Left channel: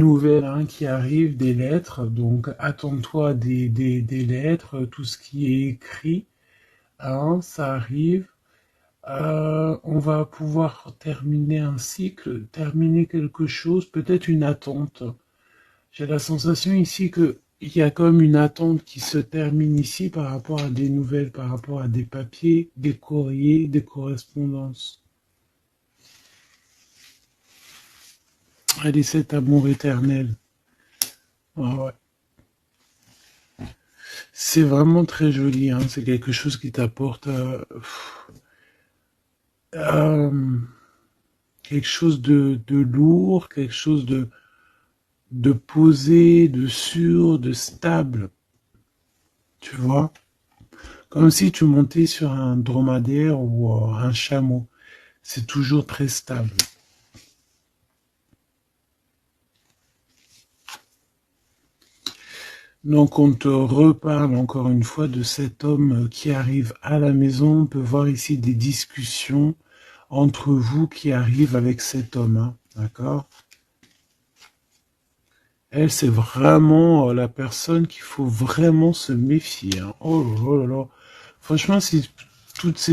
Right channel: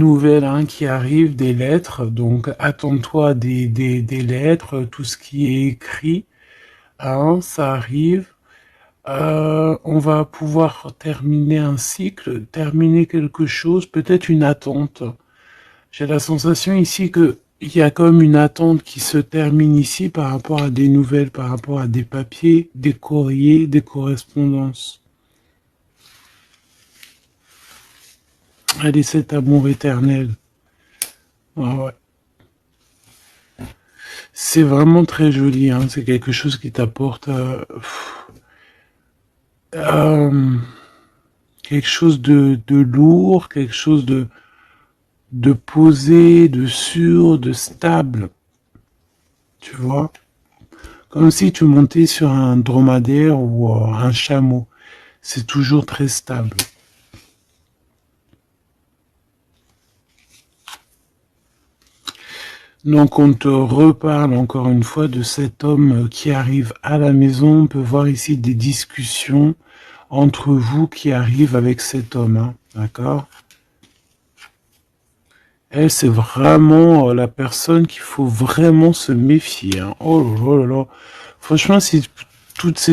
nouvelles hein, qui arrivent, des lettres. Donc, attends-toi des lettres, tout ce qui est écrit, hein, ça arrive. On va pouvoir terminer un cycle, terminer quelque chose, peut-être une attente. J'ai la sensation ici que il y a comme une attente qui se termine ici par rapport à des nouvelles, par rapport à des papiers, des courriers, des correspondances. Allez, cet amour éternel. Ah ouais. C'est vraiment très joli, hein. C'est quelque chose qui t'apporte euh, quelque chose de lourd, quelque chose de posé, de sûr, de stable. Tu vois? Comme si tu montais sur un dromadaire ou un chameau. C'est toujours très stable. Donc on te reparle encore une fois de cet homme qui arrive à la maison. On peut voir ici des discussions entre vous qui arrivent avec cet homme, hein, d'accord? Elle, c'est vraiment la personne qu'il faut vraiment se méfier, hein. Oh là là là là. Franchement, si tout ce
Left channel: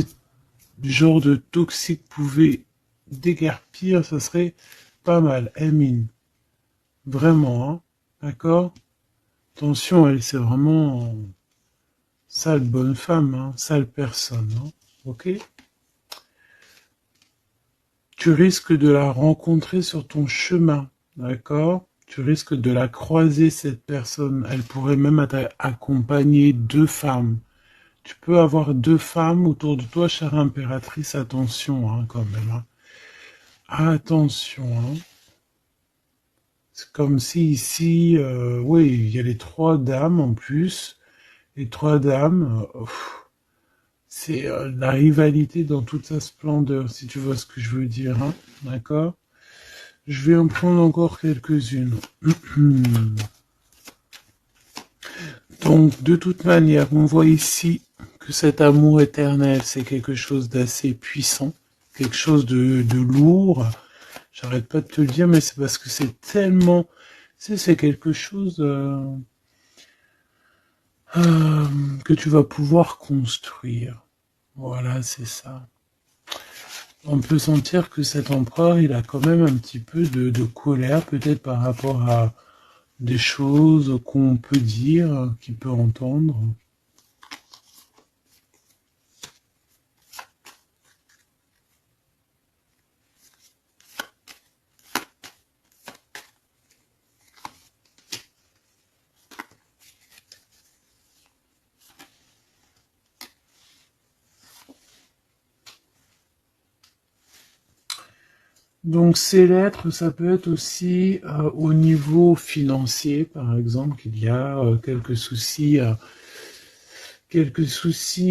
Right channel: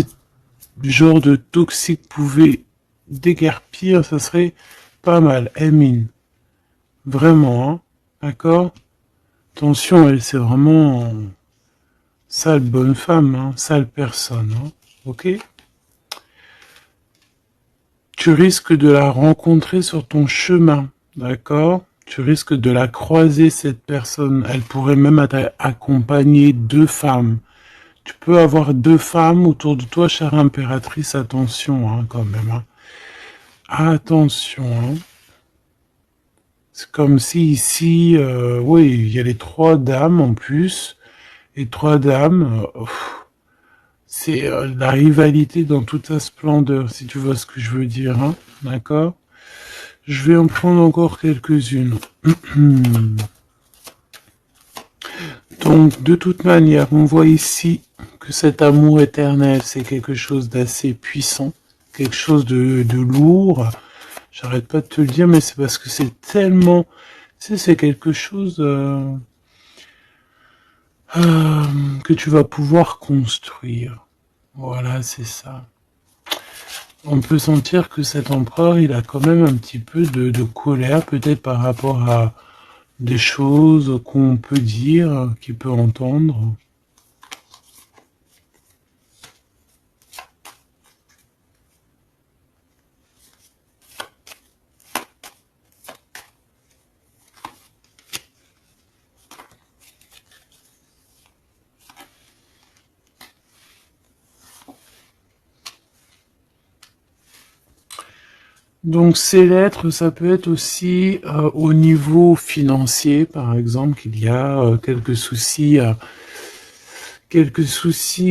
genre de toxique pouvait déguerpir, ça serait pas mal. Emine, vraiment, hein, d'accord? Attention, elle, c'est vraiment sale bonne femme, hein, sale personne, hein, ok? Tu risques de la rencontrer sur ton chemin, d'accord? Tu risques de la croiser, cette personne. Elle pourrait même accompagner deux femmes. Tu peux avoir deux femmes autour de toi, chère impératrice. Attention, hein, quand même, hein. Attention, hein. C'est comme si ici, oui, il y a les trois dames en plus. Les trois dames, c'est la rivalité dans toute sa splendeur, si tu vois ce que je veux dire, hein. D'accord? Je vais en prendre encore quelques-unes. Donc, de toute manière, on voit ici que cet amour éternel, c'est quelque chose d'assez puissant, quelque chose de lourd. J'arrête pas de te le dire, mais c'est parce que c'est tellement... Tu sais, c'est quelque chose que tu vas pouvoir construire. Voilà, c'est ça. On peut sentir que cet empereur, il a quand même un petit peu de colère, peut-être par rapport à des choses qu'on peut dire, qu'il peut entendre. Donc ces lettres, ça peut être aussi au niveau financier, par exemple, qu'il y a quelques soucis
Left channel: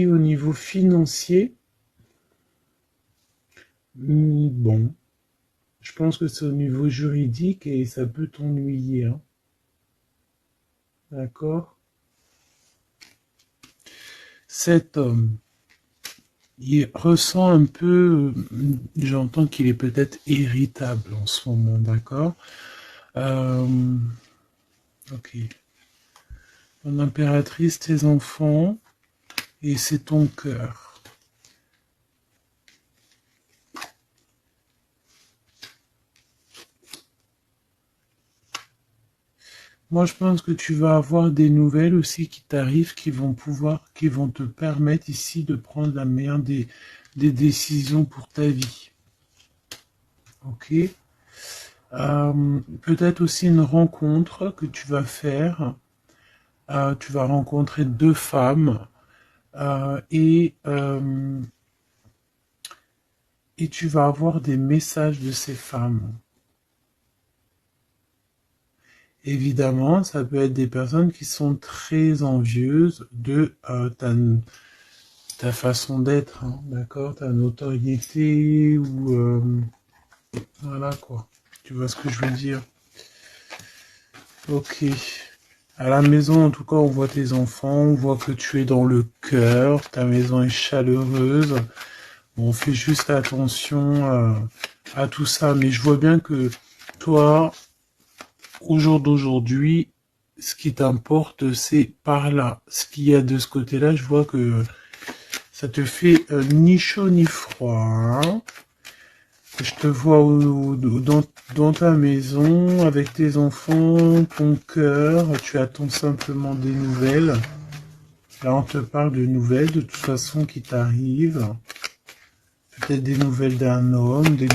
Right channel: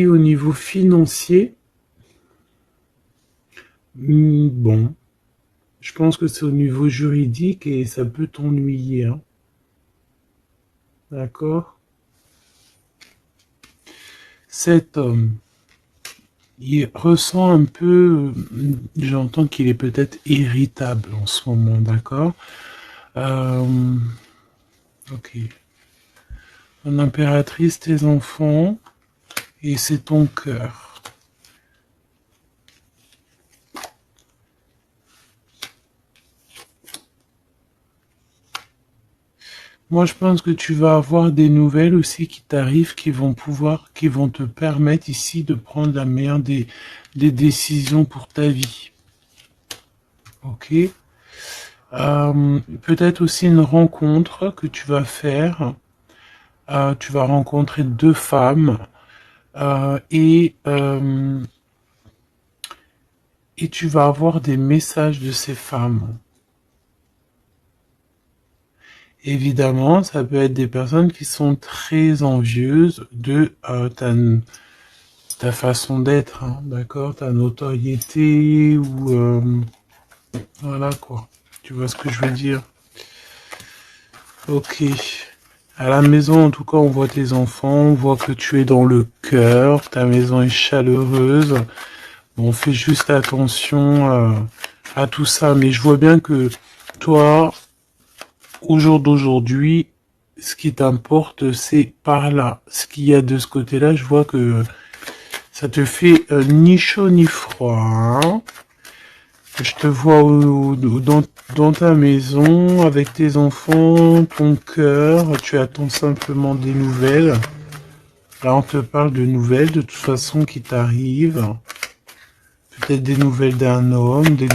au niveau financier. Bon, je pense que c'est au niveau juridique et ça peut t'ennuyer, hein. D'accord? Cet homme, il ressent un peu, j'entends qu'il est peut-être irritable en ce moment, d'accord? Euh, ok. Ton impératrice, tes enfants, et c'est ton cœur. Moi, je pense que tu vas avoir des nouvelles aussi qui t'arrivent, qui vont te permettre ici de prendre la meilleure des décisions pour ta vie. Ok? Peut-être aussi une rencontre que tu vas faire. Tu vas rencontrer deux femmes euh, et, euh, et tu vas avoir des messages de ces femmes. Évidemment, ça peut être des personnes qui sont très envieuses de ta façon d'être, hein, d'accord, ta notoriété ou voilà quoi. Tu vois ce que je veux dire? Ok. À la maison, en tout cas, on voit tes enfants, on voit que tu es dans le cœur, ta maison est chaleureuse. Bon, fais juste attention à tout ça, mais je vois bien que toi, au jour d'aujourd'hui, ce qui t'importe, c'est par là. Ce qu'il y a de ce côté-là, je vois que ça te fait ni chaud ni froid, hein. Je te vois dans ta maison, avec tes enfants, ton cœur, tu attends simplement des nouvelles. Là, on te parle de nouvelles, de toute façon, qui t'arrivent. Peut-être des nouvelles d'un homme, des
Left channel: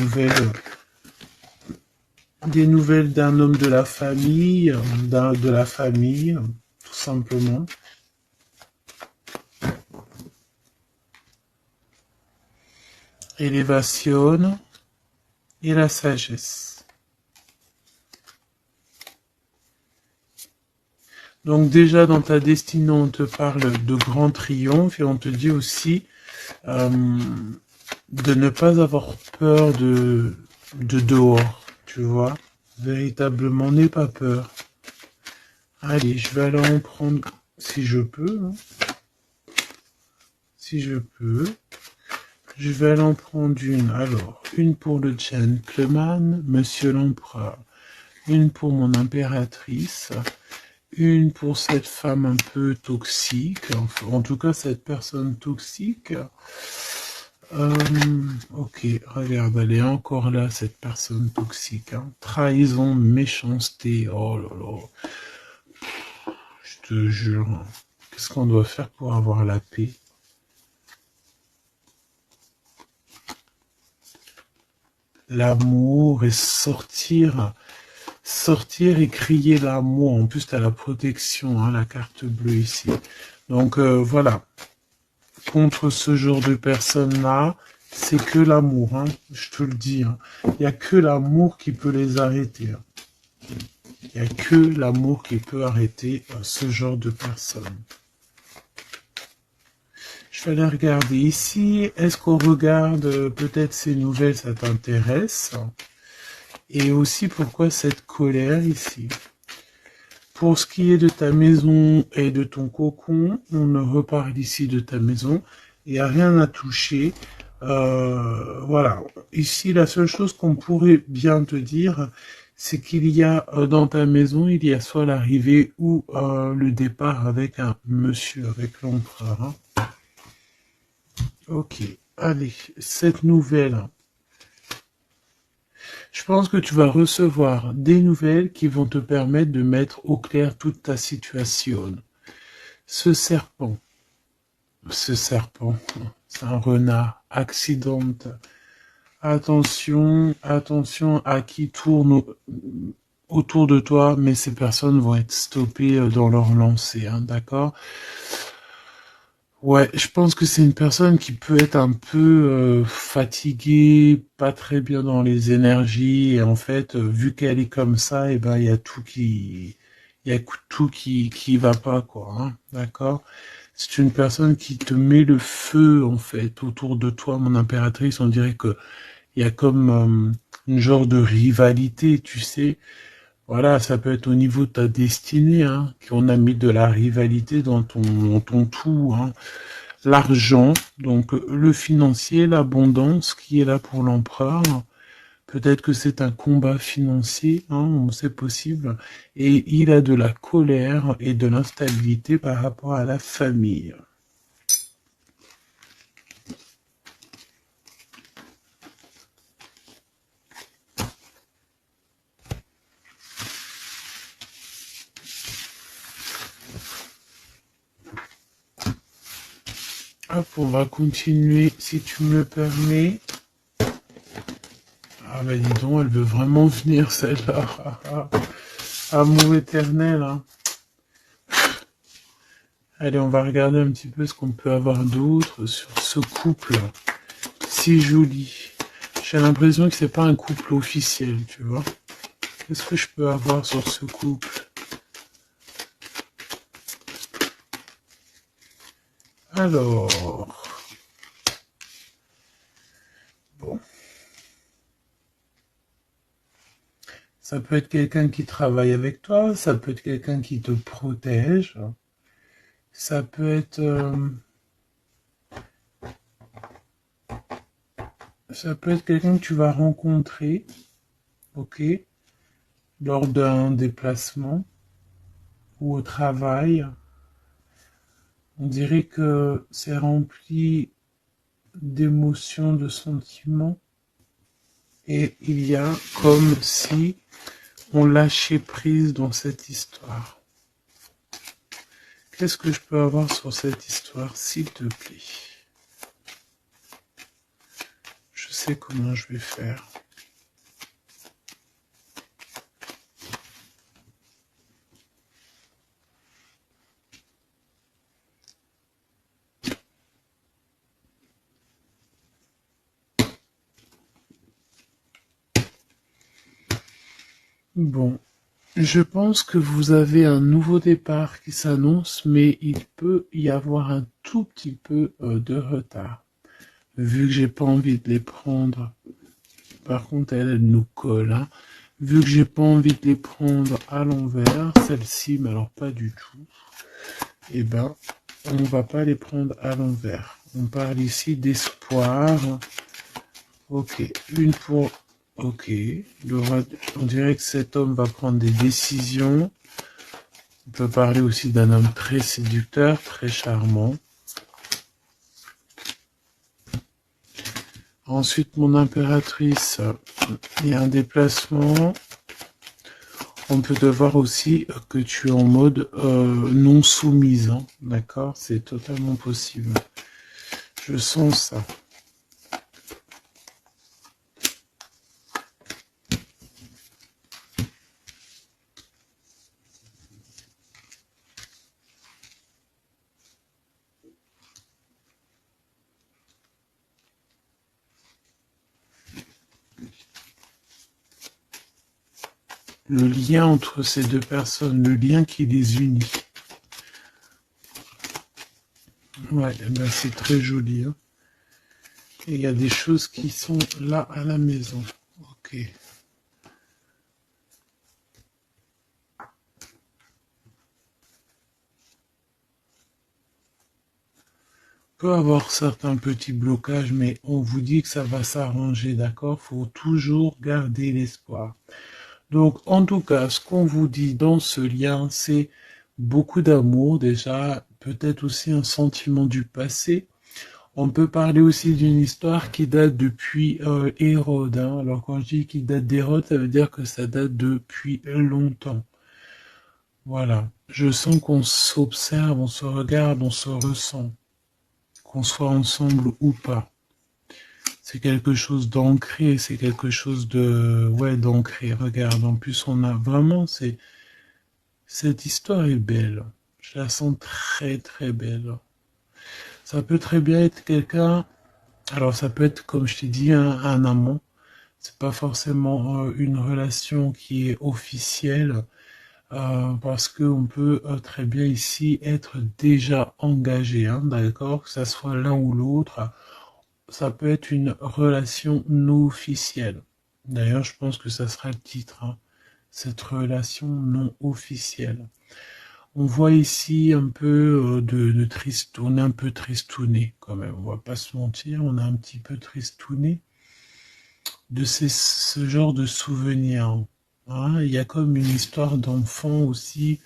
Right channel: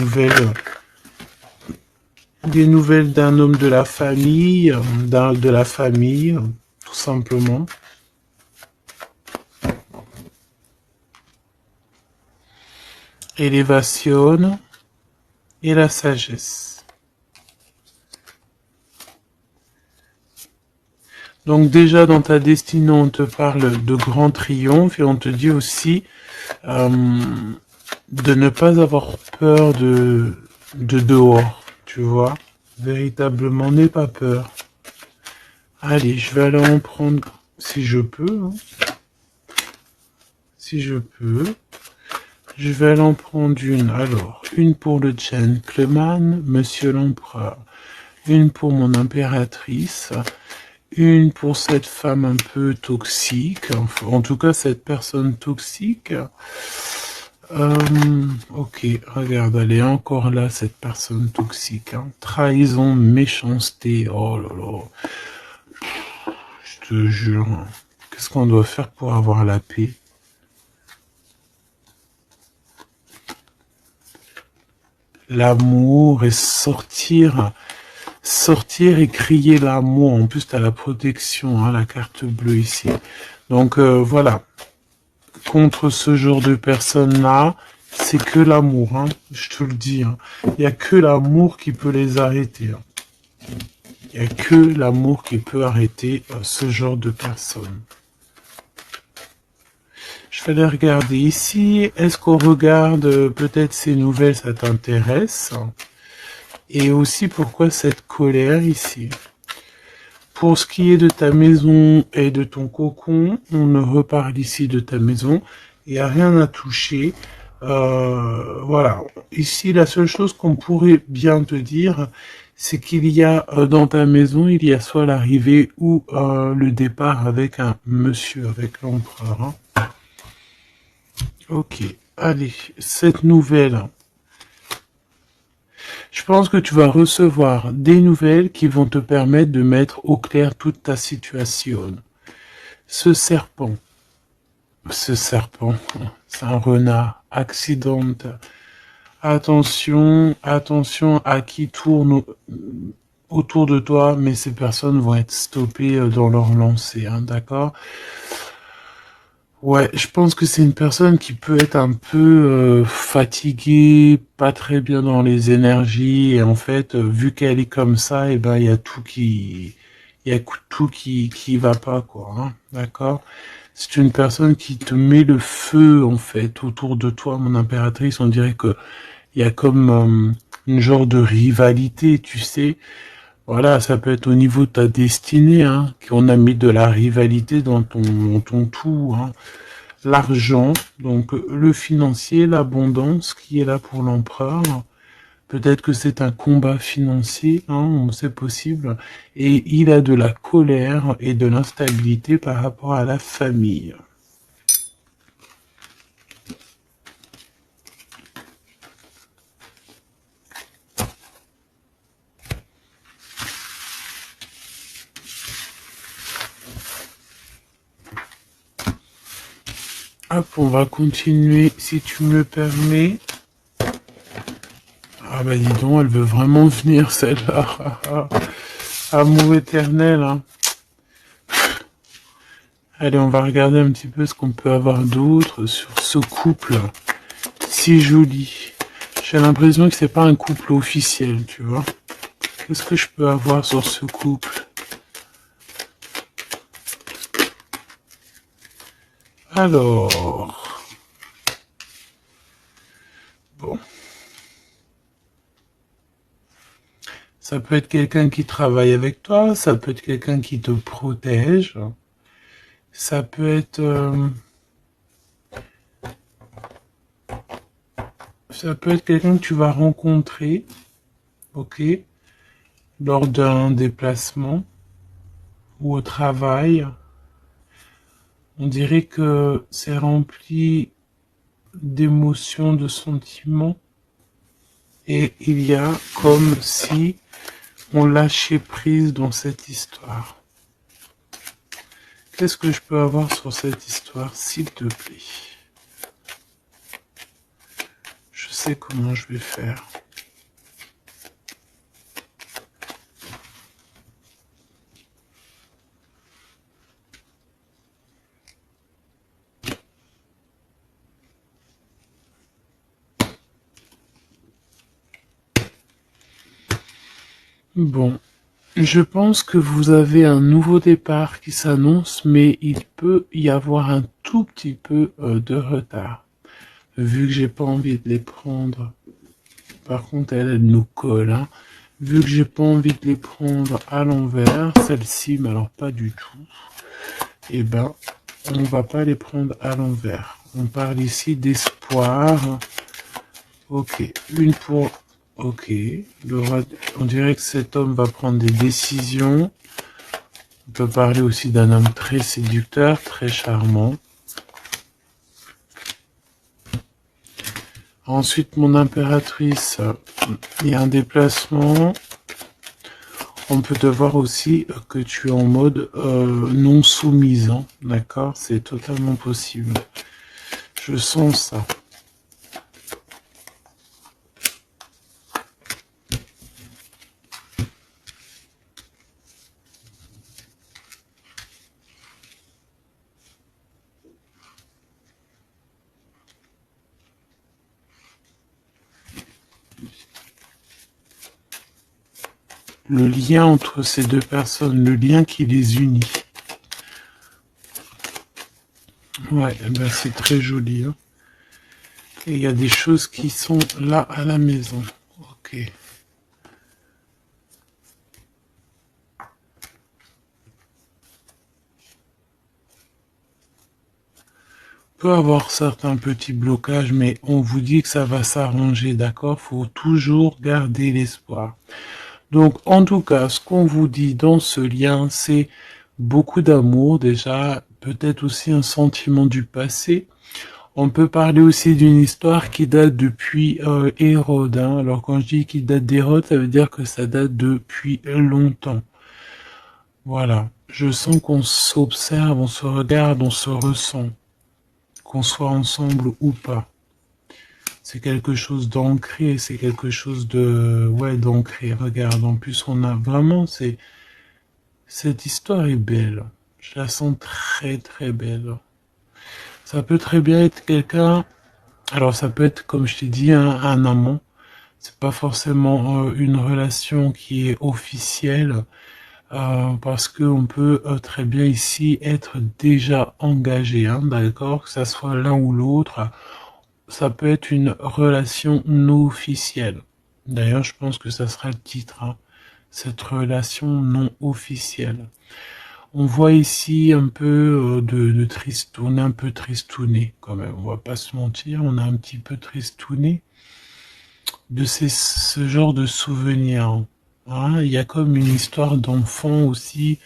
nouvelles d'un homme de la famille, de la famille, tout simplement. Élévation et la sagesse. Donc déjà dans ta destinée, on te parle de grand triomphe et on te dit aussi euh, de ne pas avoir peur de dehors, tu vois. Véritablement, n'aie pas peur. Allez, je vais aller en prendre si je peux, hein. Si je peux. Je vais aller en prendre une. Alors, une pour le gentleman, monsieur l'empereur. Une pour mon impératrice. Une pour cette femme un peu toxique. Enfin, en tout cas, cette personne toxique. Ok, regarde, elle est encore là, cette personne toxique, hein. Trahison, méchanceté. Oh là là. Je te jure. Qu'est-ce qu'on doit faire pour avoir la paix? L'amour et sortir et crier l'amour. En plus, tu as la protection, hein, la carte bleue ici. Donc voilà, contre ce genre de personnes-là, c'est que l'amour, hein, je te le dis, hein. Il n'y a que l'amour qui peut les arrêter, hein. Il n'y a que l'amour qui peut arrêter ce genre de personnes. Je vais les regarder ici. Est-ce qu'on regarde peut-être ces nouvelles, ça t'intéresse? Et aussi pourquoi cette colère ici? Pour ce qui est de ta maison et de ton cocon, on reparle ici de ta maison. Il n'y a rien à toucher. Voilà. Ici, la seule chose qu'on pourrait bien te dire, c'est qu'il y a dans ta maison, il y a soit l'arrivée ou le départ avec un monsieur, avec l'empereur, hein. Ok. Allez, cette nouvelle. Je pense que tu vas recevoir des nouvelles qui vont te permettre de mettre au clair toute ta situation. Ce serpent, ce serpent, c'est un renard, accidente. Attention, attention à qui tourne autour de toi, mais ces personnes vont être stoppées dans leur lancée, hein, d'accord? Ouais, je pense que c'est une personne qui peut être un peu fatiguée, pas très bien dans les énergies, et en fait, vu qu'elle est comme ça, et ben il y a tout qui va pas, quoi, hein, d'accord? C'est une personne qui te met le feu, en fait, autour de toi, mon impératrice. On dirait que il y a comme une genre de rivalité, tu sais. Voilà, ça peut être au niveau de ta destinée, hein, qu'on a mis de la rivalité dans ton tout, hein. L'argent, donc le financier, l'abondance qui est là pour l'empereur. Peut-être que c'est un combat financier, hein, c'est possible. Et il a de la colère et de l'instabilité par rapport à la famille. Hop, on va continuer, si tu me le permets. Ah bah dis donc, elle veut vraiment venir celle-là. Amour éternel, hein. Allez, on va regarder un petit peu ce qu'on peut avoir d'autre sur ce couple si joli. J'ai l'impression que c'est pas un couple officiel, tu vois. Qu'est-ce que je peux avoir sur ce couple? Alors, bon, ça peut être quelqu'un qui travaille avec toi, ça peut être quelqu'un qui te protège, ça peut être, ça peut être quelqu'un que tu vas rencontrer, ok? lors d'un déplacement ou au travail. On dirait que c'est rempli d'émotions, de sentiments. Et il y a comme si on lâchait prise dans cette histoire. Qu'est-ce que je peux avoir sur cette histoire, s'il te plaît? Je sais comment je vais faire. Bon, je pense que vous avez un nouveau départ qui s'annonce, mais il peut y avoir un tout petit peu de retard. Vu que j'ai pas envie de les prendre, par contre elle nous colle, hein. Vu que j'ai pas envie de les prendre à l'envers, celle-ci, mais alors pas du tout, eh ben, on va pas les prendre à l'envers. On parle ici d'espoir. Ok, une pour... Ok, on dirait que cet homme va prendre des décisions. On peut parler aussi d'un homme très séducteur, très charmant. Ensuite, mon impératrice, il y a un déplacement. On peut devoir aussi que tu es en mode non soumise, hein, d'accord? C'est totalement possible. Je sens ça. Le lien entre ces deux personnes, le lien qui les unit. Ouais, eh ben c'est très joli, hein. Et il y a des choses qui sont là à la maison. Ok. On peut avoir certains petits blocages, mais on vous dit que ça va s'arranger, d'accord? Faut toujours garder l'espoir. Donc, en tout cas, ce qu'on vous dit dans ce lien, c'est beaucoup d'amour déjà, peut-être aussi un sentiment du passé. On peut parler aussi d'une histoire qui date depuis Hérode, hein. Alors quand je dis qu'il date d'Hérode, ça veut dire que ça date depuis longtemps. Voilà. Je sens qu'on s'observe, on se regarde, on se ressent, qu'on soit ensemble ou pas. C'est quelque chose d'ancré, c'est quelque chose de... Ouais, d'ancré. Regarde, en plus on a vraiment... Cette histoire est belle. Je la sens très très belle. Ça peut très bien être quelqu'un... Alors ça peut être, comme je t'ai dit, un amant. C'est pas forcément une relation qui est officielle, parce qu'on peut très bien ici être déjà engagé, hein, d'accord, que ça soit l'un ou l'autre. Ça peut être une relation non officielle. D'ailleurs, je pense que ça sera le titre, hein, cette relation non officielle. On voit ici un peu de triste, on est un peu tristouné quand même, on va pas se mentir, on est un petit peu tristouné de ce genre de souvenirs. Hein. Il y a comme une histoire d'enfant aussi,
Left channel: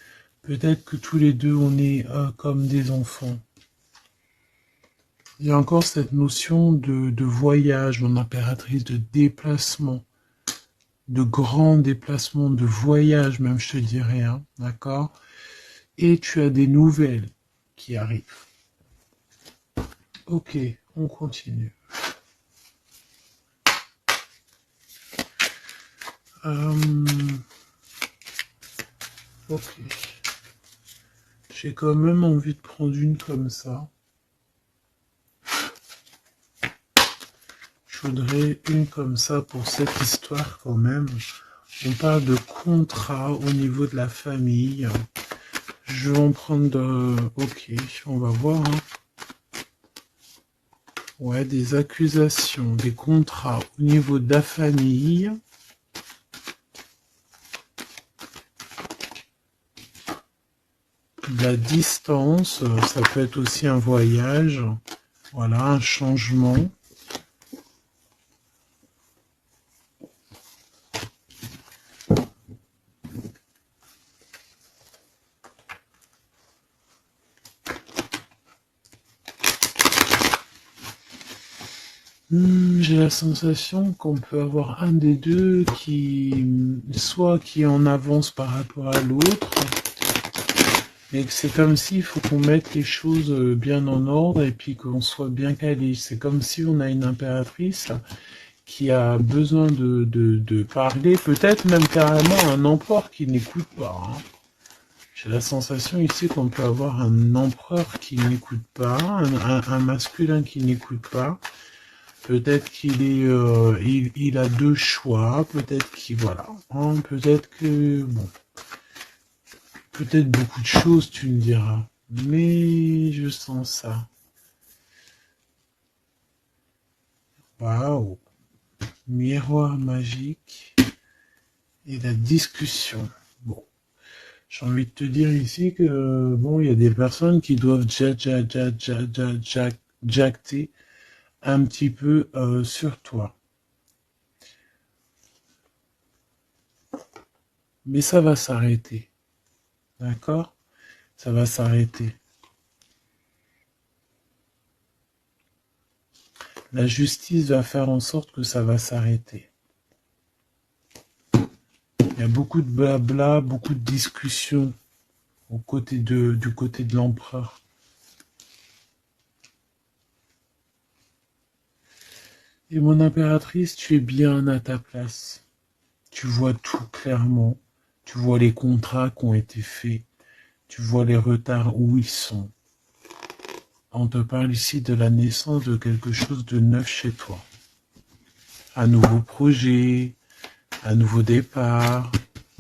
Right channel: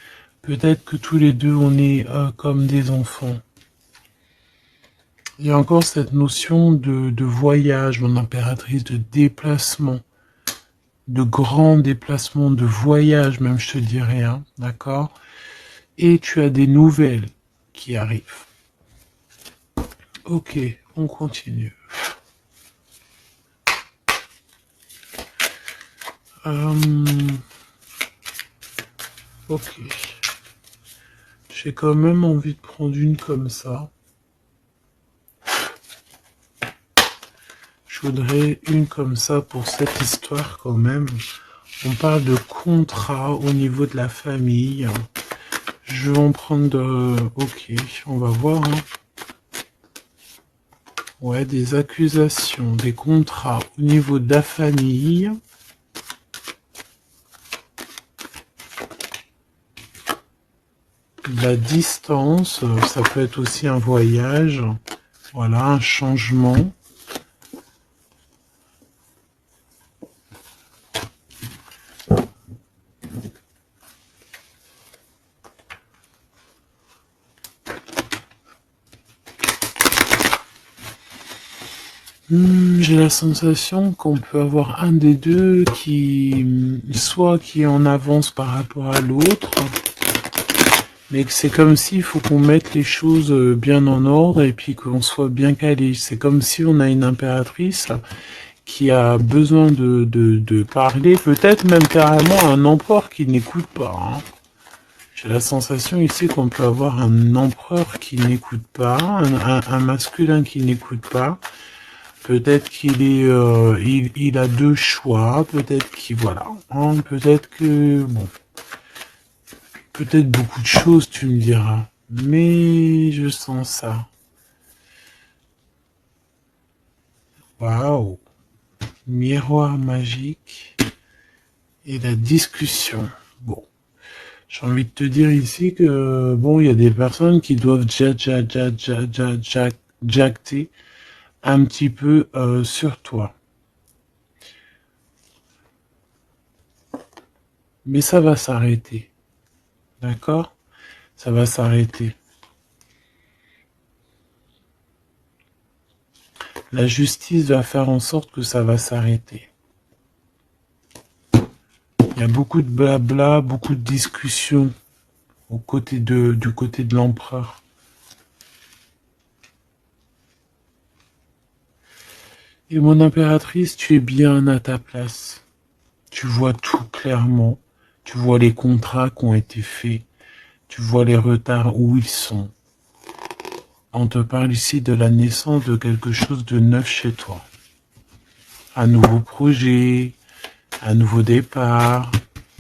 peut-être que tous les deux on est comme des enfants. Il y a encore cette notion de voyage, mon impératrice, de déplacement, de grand déplacement, de voyage même, je te dirais, hein, d'accord? Et tu as des nouvelles qui arrivent. Ok, on continue. Ok. J'ai quand même envie de prendre une comme ça. Je voudrais une comme ça pour cette histoire quand même. On parle de contrat au niveau de la famille. Je vais en prendre... Ok, on va voir. Hein. Ouais, des accusations, des contrats au niveau de la famille. La distance, ça peut être aussi un voyage. Voilà, un changement. J'ai la sensation qu'on peut avoir un des deux soit qui est en avance par rapport à l'autre, mais que c'est comme s'il faut qu'on mette les choses bien en ordre et puis qu'on soit bien calé. C'est comme si on a une impératrice qui a besoin de parler, peut-être même carrément un empereur qui n'écoute pas, hein. J'ai la sensation ici qu'on peut avoir un empereur qui n'écoute pas, un masculin qui n'écoute pas. Peut-être qu'il est, il a deux choix. Peut-être qu'il, voilà, hein, peut-être que, bon, peut-être beaucoup de choses, tu me diras. Mais je sens ça. Waouh, miroir magique et la discussion. Bon. J'ai envie de te dire ici que, bon, il y a des personnes qui doivent jacter un petit peu sur toi. Mais ça va s'arrêter. D'accord? Ça va s'arrêter. La justice va faire en sorte que ça va s'arrêter. Il y a beaucoup de blabla, beaucoup de discussions du côté de l'empereur. Et mon impératrice, tu es bien à ta place. Tu vois tout clairement. Tu vois les contrats qui ont été faits. Tu vois les retards où ils sont. On te parle ici de la naissance de quelque chose de neuf chez toi. Un nouveau projet, un nouveau départ,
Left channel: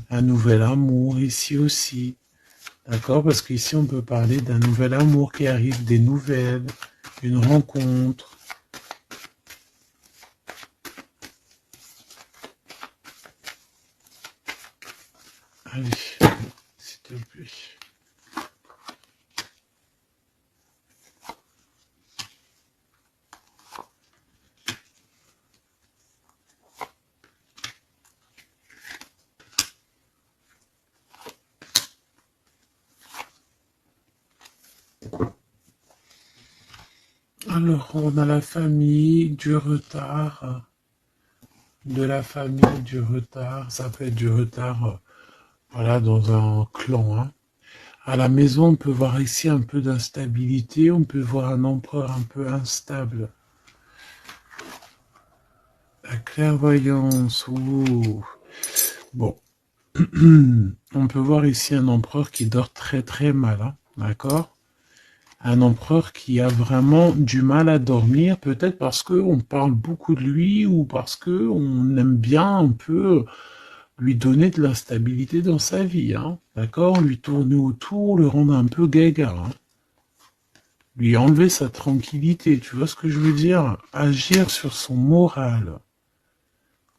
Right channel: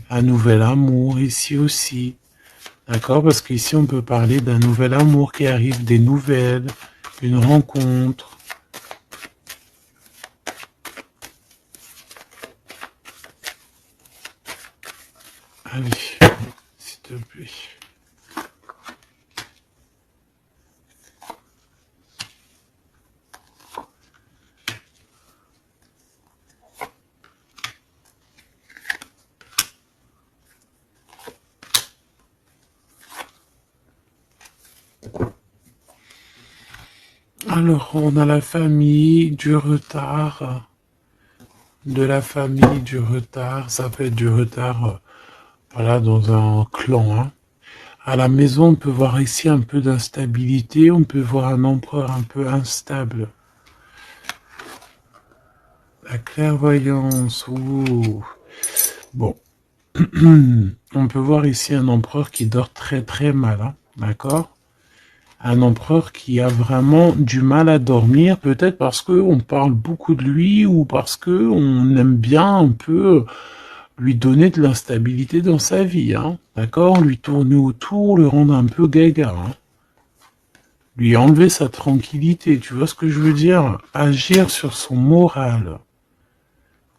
un nouvel amour ici aussi. D'accord? Parce qu'ici, on peut parler d'un nouvel amour qui arrive, des nouvelles, une rencontre. Allez, s'il te plaît. Alors, on a la famille, du retard, de la famille, du retard. Ça fait du retard, voilà, dans un clan, hein. À la maison, on peut voir ici un peu d'instabilité, on peut voir un empereur un peu instable. La clairvoyance, ouh. Bon, on peut voir ici un empereur qui dort très très mal, hein, d'accord? Un empereur qui a vraiment du mal à dormir, peut-être parce qu'on parle beaucoup de lui ou parce qu'on aime bien un peu lui donner de l'instabilité dans sa vie, hein, d'accord? Lui tourner autour, le rendre un peu gaga, hein. Lui enlever sa tranquillité, tu vois ce que je veux dire? Agir sur son moral.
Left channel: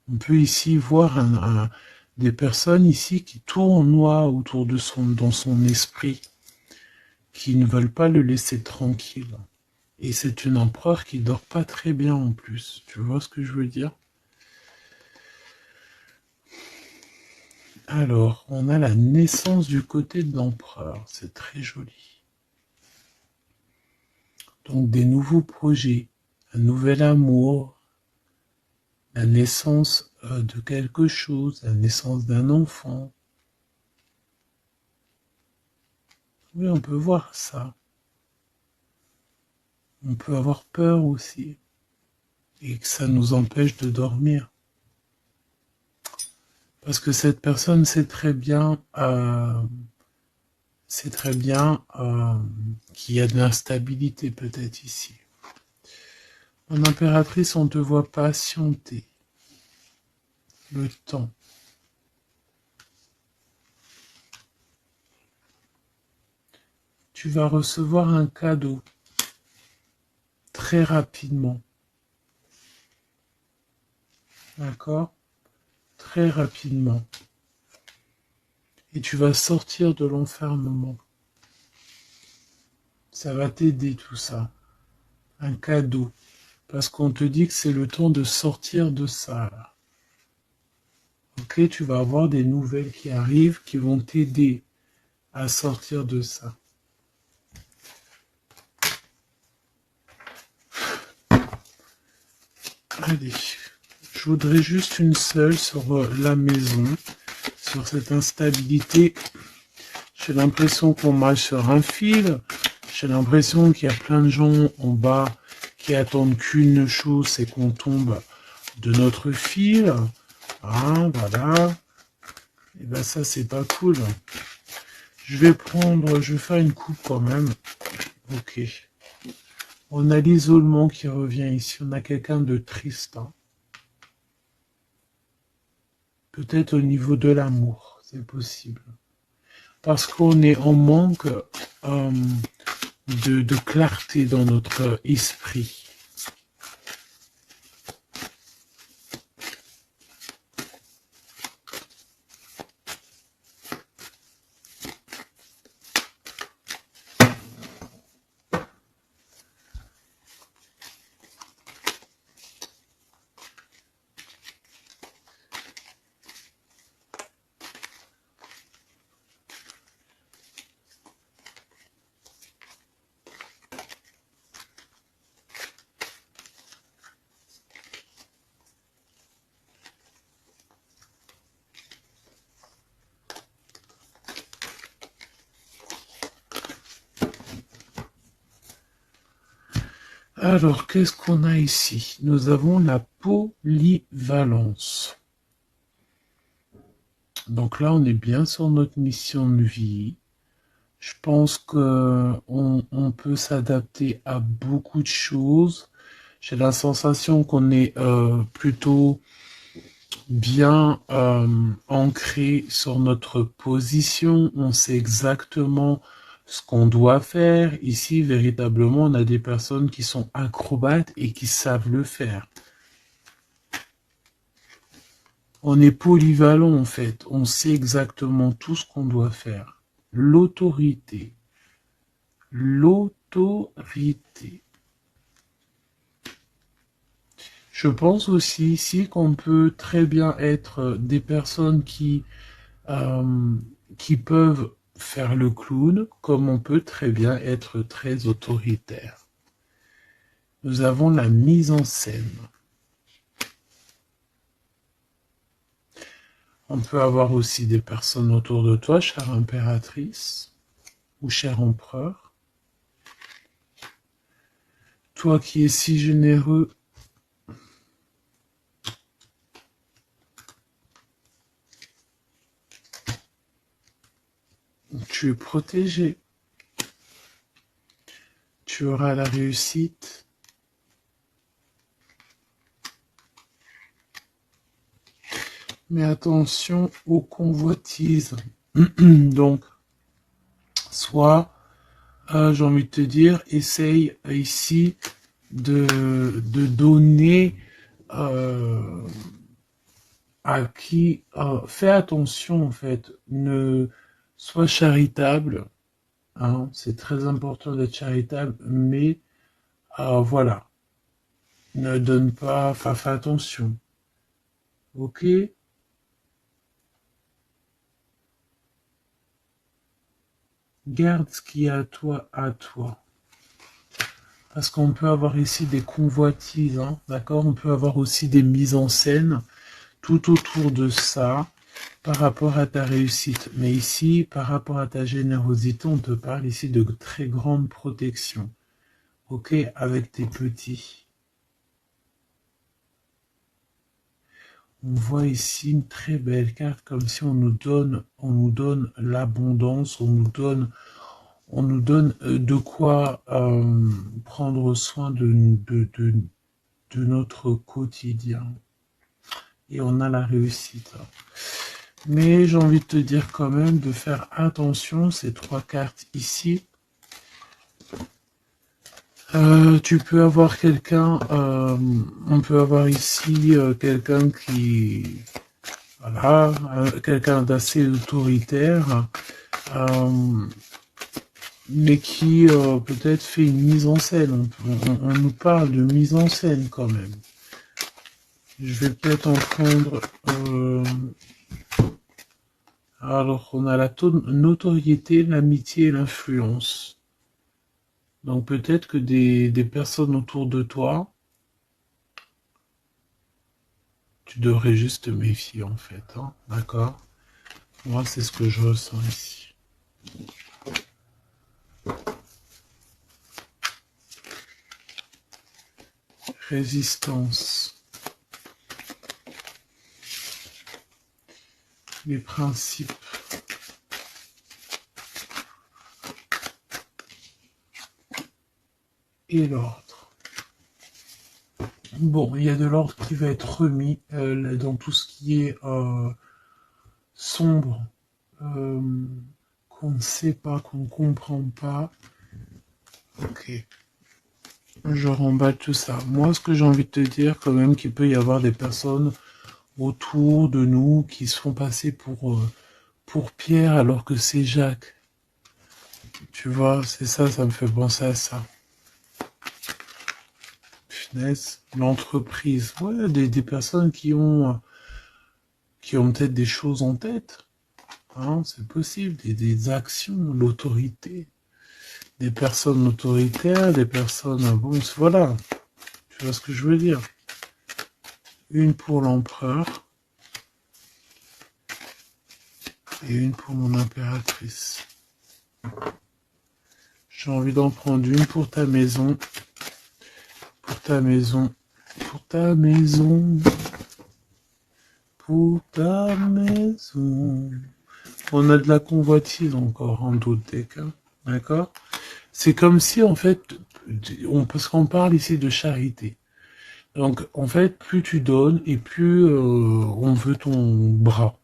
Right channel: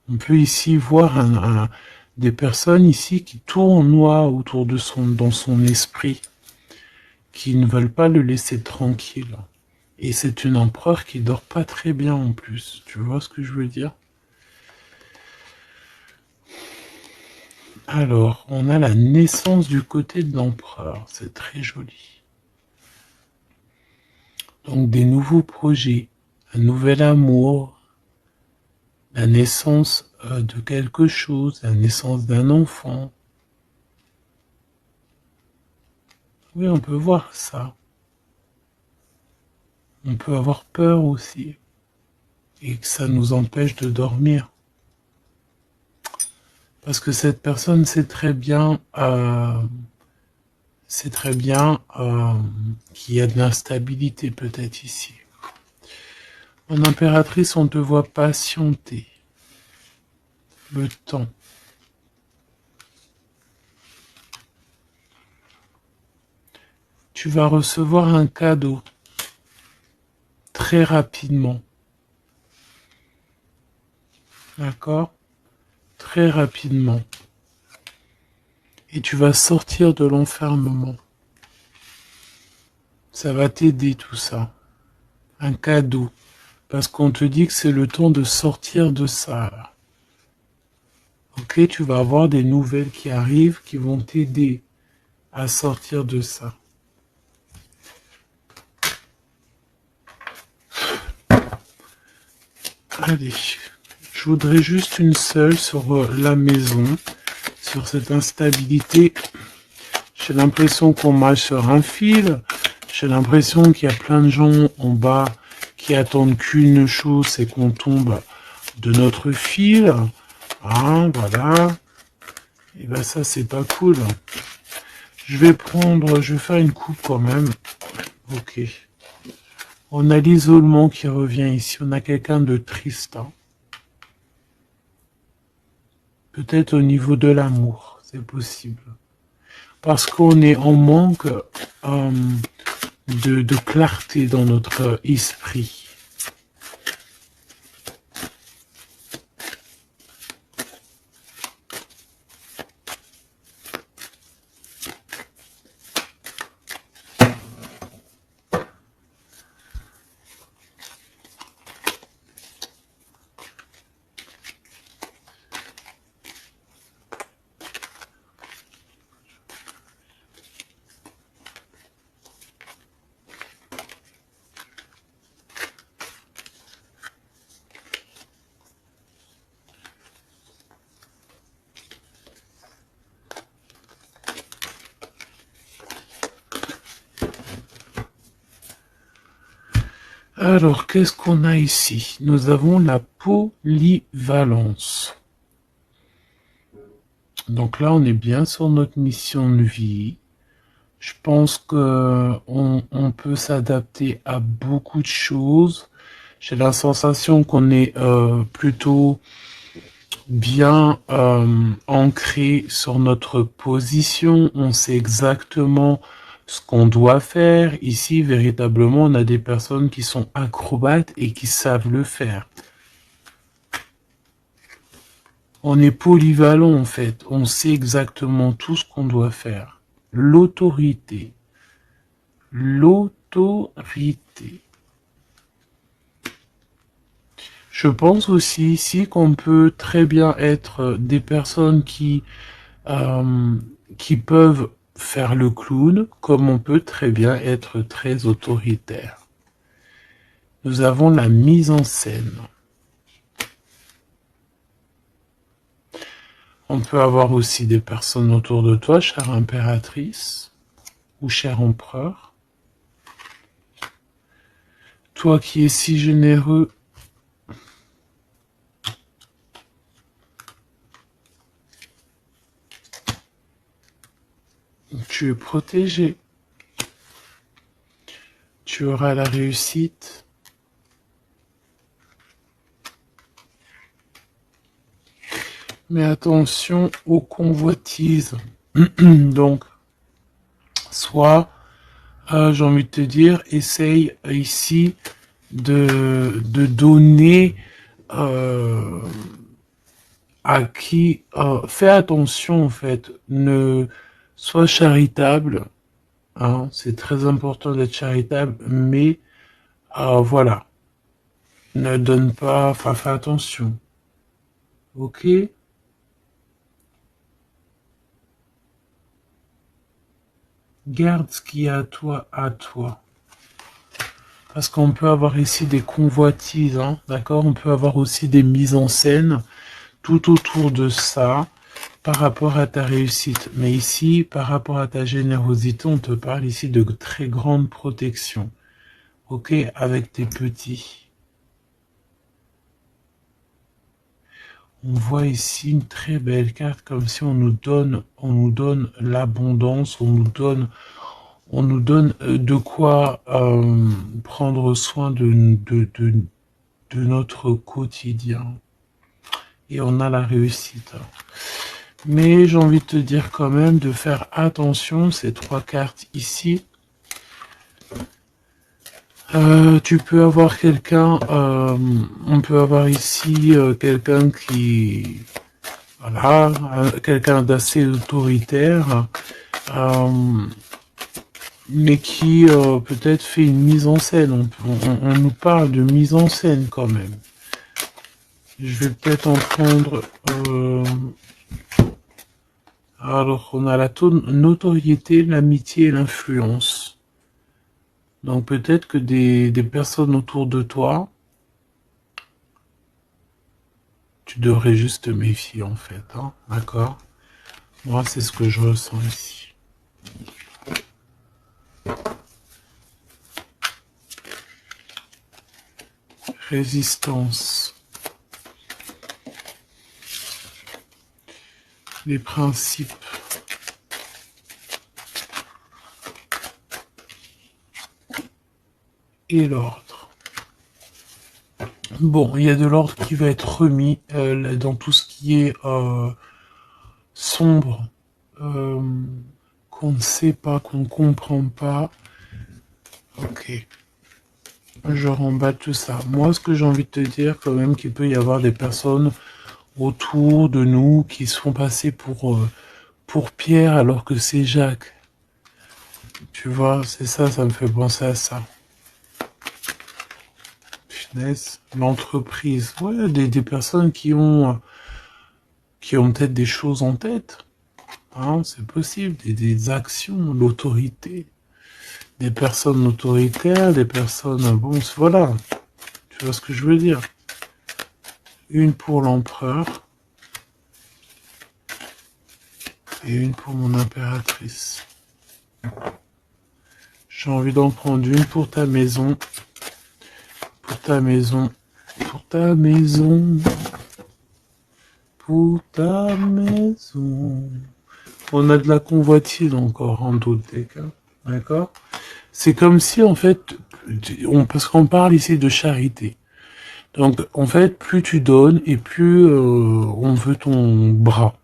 On peut ici voir des personnes ici qui tournoient autour de dans son esprit, qui ne veulent pas le laisser tranquille. Et c'est une empereur qui dort pas très bien en plus. Tu vois ce que je veux dire? Alors, on a la naissance du côté de l'empereur. C'est très joli. Donc, des nouveaux projets, un nouvel amour, la naissance de quelque chose, la naissance d'un enfant. Oui, on peut voir ça. On peut avoir peur aussi. Et que ça nous empêche de dormir. Parce que cette personne sait très bien, qu'il y a de l'instabilité peut-être ici. Mon impératrice, on te voit patienter le temps. Tu vas recevoir un cadeau très rapidement. D'accord? Très rapidement. Et tu vas sortir de l'enfermement. Ça va t'aider tout ça. Un cadeau. Parce qu'on te dit que c'est le temps de sortir de ça. Là. Ok, tu vas avoir des nouvelles qui arrivent qui vont t'aider à sortir de ça. Allez, je voudrais juste une seule sur la maison, sur cette instabilité. J'ai l'impression qu'on marche sur un fil. J'ai l'impression qu'il y a plein de gens en bas qui attendent qu'une chose, c'est qu'on tombe de notre fil. Ah, voilà. Et ben ça, c'est pas cool. Je vais faire une coupe quand même. Ok. On a l'isolement qui revient ici. On a quelqu'un de triste. Hein. Peut-être au niveau de l'amour, c'est possible. Parce qu'on est en manque de clarté dans notre esprit. Alors, qu'est-ce qu'on a ici? Nous avons la polyvalence. Donc là, on est bien sur notre mission de vie. Je pense que on peut s'adapter à beaucoup de choses. J'ai la sensation qu'on est plutôt bien ancré sur notre position. On sait exactement ce qu'on doit faire. Ici, véritablement, on a des personnes qui sont acrobates et qui savent le faire. On est polyvalent en fait. On sait exactement tout ce qu'on doit faire. L'autorité. L'autorité. Je pense aussi ici qu'on peut très bien être des personnes qui peuvent faire le clown, comme on peut très bien être très autoritaire. Nous avons la mise en scène. On peut avoir aussi des personnes autour de toi, chère impératrice ou cher empereur. Toi qui es si généreux, tu es protégé. Tu auras la réussite. Mais attention aux convoitises. Donc, soit, j'ai envie de te dire, essaye ici de donner à qui... fais attention en fait, ne sois charitable. Hein, c'est très important d'être charitable, mais voilà, ne donne pas, enfin fais attention. Ok? Garde ce qui est à toi, à toi. Parce qu'on peut avoir ici des convoitises, hein, d'accord? On peut avoir aussi des mises en scène tout autour de ça par rapport à ta réussite. Mais ici, par rapport à ta générosité, on te parle ici de très grande protection. Ok? Avec tes petits. On voit ici une très belle carte, comme si on nous donne l'abondance, on nous donne de quoi prendre soin de notre quotidien. Et on a la réussite. Mais j'ai envie de te dire quand même de faire attention, ces trois cartes ici. Tu peux avoir quelqu'un, on peut avoir ici quelqu'un qui, voilà, quelqu'un d'assez autoritaire, euh, mais qui peut-être fait une mise en scène. On nous parle de mise en scène quand même. Je vais peut-être en prendre. Alors, on a la notoriété, l'amitié et l'influence. Donc peut-être que des personnes autour de toi Tu devrais juste te méfier en fait, hein, d'accord? Moi, c'est ce que je ressens ici. Résistance. Les principes. Et l'ordre. Bon, il y a de l'ordre qui va être remis dans tout ce qui est sombre, euh, qu'on ne sait pas, qu'on ne comprend pas. Ok. Je remballe tout ça. Moi, ce que j'ai envie de te dire, quand même, qu'il peut y avoir des personnes autour de nous qui se font passer pour Pierre alors que c'est Jacques. Tu vois, c'est ça, ça me fait penser à ça. Finesse, l'entreprise. Ouais, des personnes qui ont peut-être des choses en tête. Hein, c'est possible, des actions, l'autorité. Des personnes autoritaires, des personnes... Bon, voilà. Tu vois ce que je veux dire? Une pour l'empereur. Et une pour mon impératrice. J'ai envie d'en prendre une pour ta maison. Pour ta maison. Pour ta maison. Pour ta maison. On a de la convoitise encore en doute des cas. D'accord? C'est comme si, en fait, parce qu'on parle ici de charité. Donc, en fait, plus tu donnes et plus on veut ton bras.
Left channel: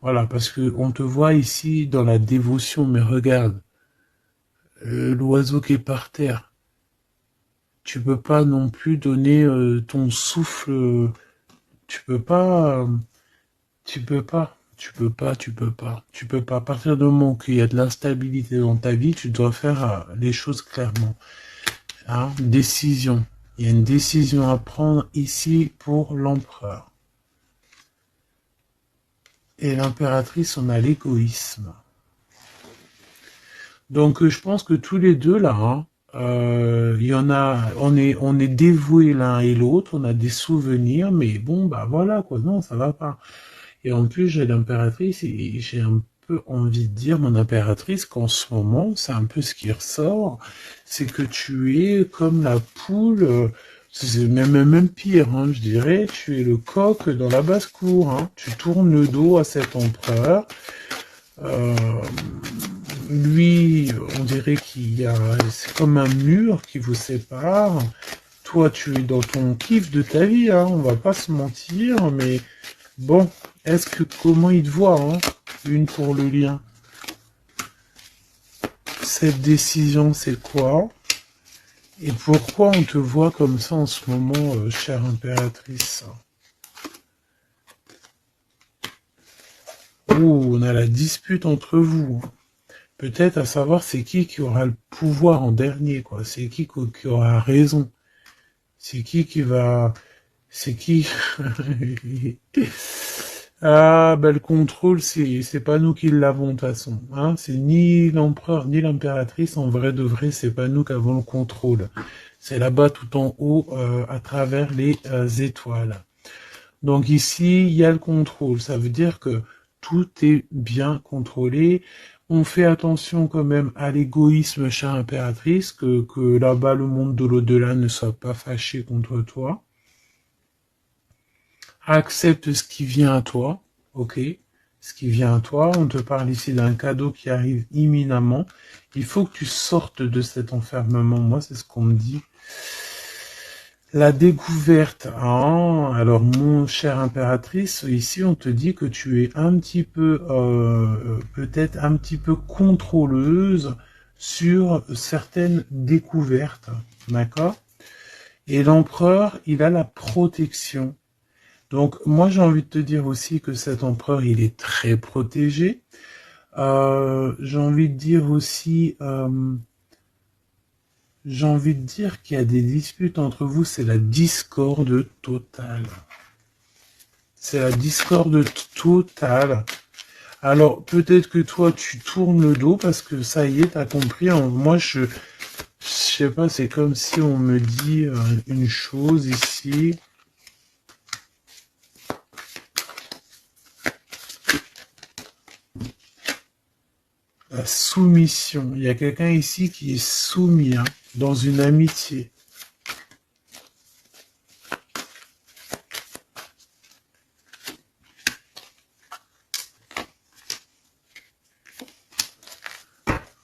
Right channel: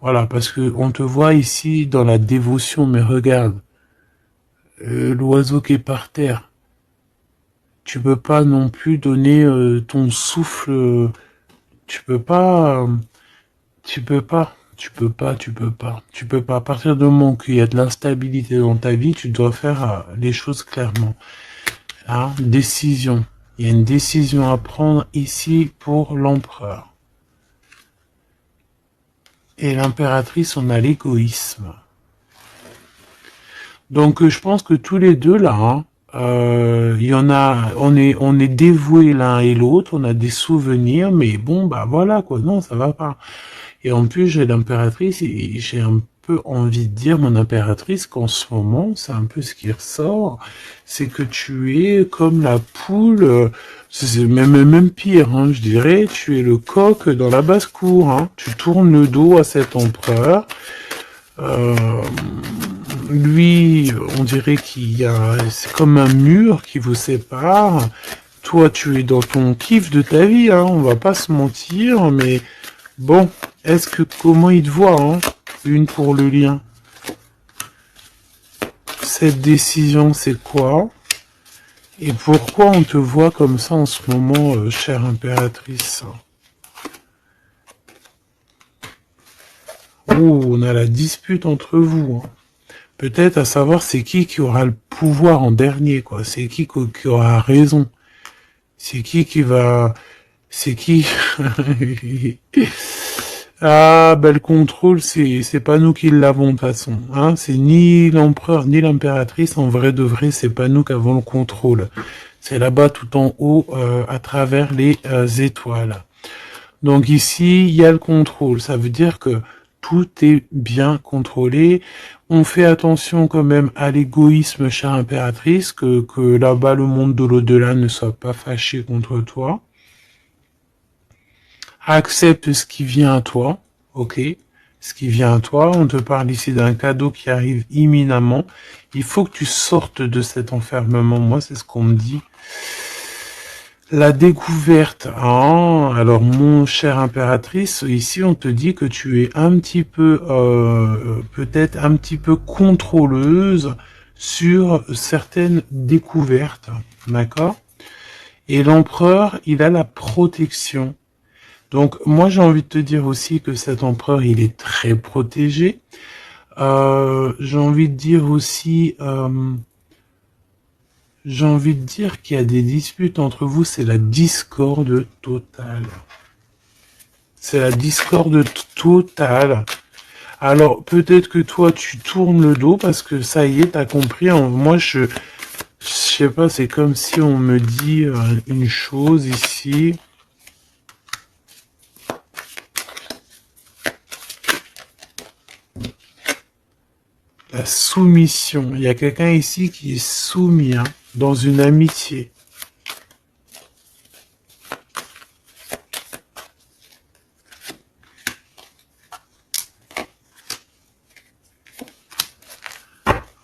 Voilà, parce que on te voit ici dans la dévotion, mais regarde, l'oiseau qui est par terre. Tu peux pas non plus donner ton souffle. Tu peux pas. Tu peux pas. Tu peux pas. Tu peux pas. Tu peux pas. À partir du moment qu'il y a de l'instabilité dans ta vie, tu dois faire les choses clairement. Hein, décision. Il y a une décision à prendre ici pour l'empereur. Et l'impératrice, on a l'égoïsme. Donc je pense que tous les deux là, hein, il y en a, on est dévoués l'un et l'autre, on a des souvenirs, mais bon bah voilà quoi, non ça va pas. Et en plus j'ai l'impératrice et j'ai un peu envie de dire mon impératrice qu'en ce moment c'est un peu ce qui ressort, c'est que tu es comme la poule, c'est même pire, hein, je dirais, tu es le coq dans la basse-cour, hein, tu tournes le dos à cet empereur. Lui, on dirait qu'il y a, c'est comme un mur qui vous sépare. Toi, tu es dans ton kiff de ta vie, hein, on va pas se mentir, mais bon, est-ce que comment il te voit, hein, une pour le lien. Cette décision, c'est quoi? Et pourquoi on te voit comme ça en ce moment, chère impératrice? Oh, on a la dispute entre vous, hein. Peut-être à savoir c'est qui aura le pouvoir en dernier, quoi. C'est qui aura raison. C'est qui va... C'est qui... Ah, ben le contrôle, c'est pas nous qui l'avons de toute façon. Hein, c'est ni l'empereur ni l'impératrice. En vrai de vrai, c'est pas nous qui avons le contrôle. C'est là-bas tout en haut, à travers les étoiles. Donc ici, il y a le contrôle. Ça veut dire que tout est bien contrôlé. On fait attention quand même à l'égoïsme, chère impératrice, que là-bas, le monde de l'au-delà ne soit pas fâché contre toi. Accepte ce qui vient à toi, ok? Ce qui vient à toi, on te parle ici d'un cadeau qui arrive imminemment. Il faut que tu sortes de cet enfermement. Moi, c'est ce qu'on me dit. La découverte. Ah, alors, mon cher impératrice, ici, on te dit que tu es un petit peu, peut-être un petit peu contrôleuse sur certaines découvertes. D'accord? Et l'empereur, il a la protection. Donc, moi, j'ai envie de te dire aussi que cet empereur, il est très protégé. J'ai envie de dire aussi... J'ai envie de dire qu'il y a des disputes entre vous, c'est la discorde totale. C'est la discorde totale. Alors, peut-être que toi, tu tournes le dos parce que ça y est, t'as compris. Moi, je sais pas, c'est comme si on me dit une chose ici. La soumission. Il y a quelqu'un ici qui est soumis, hein, dans une amitié.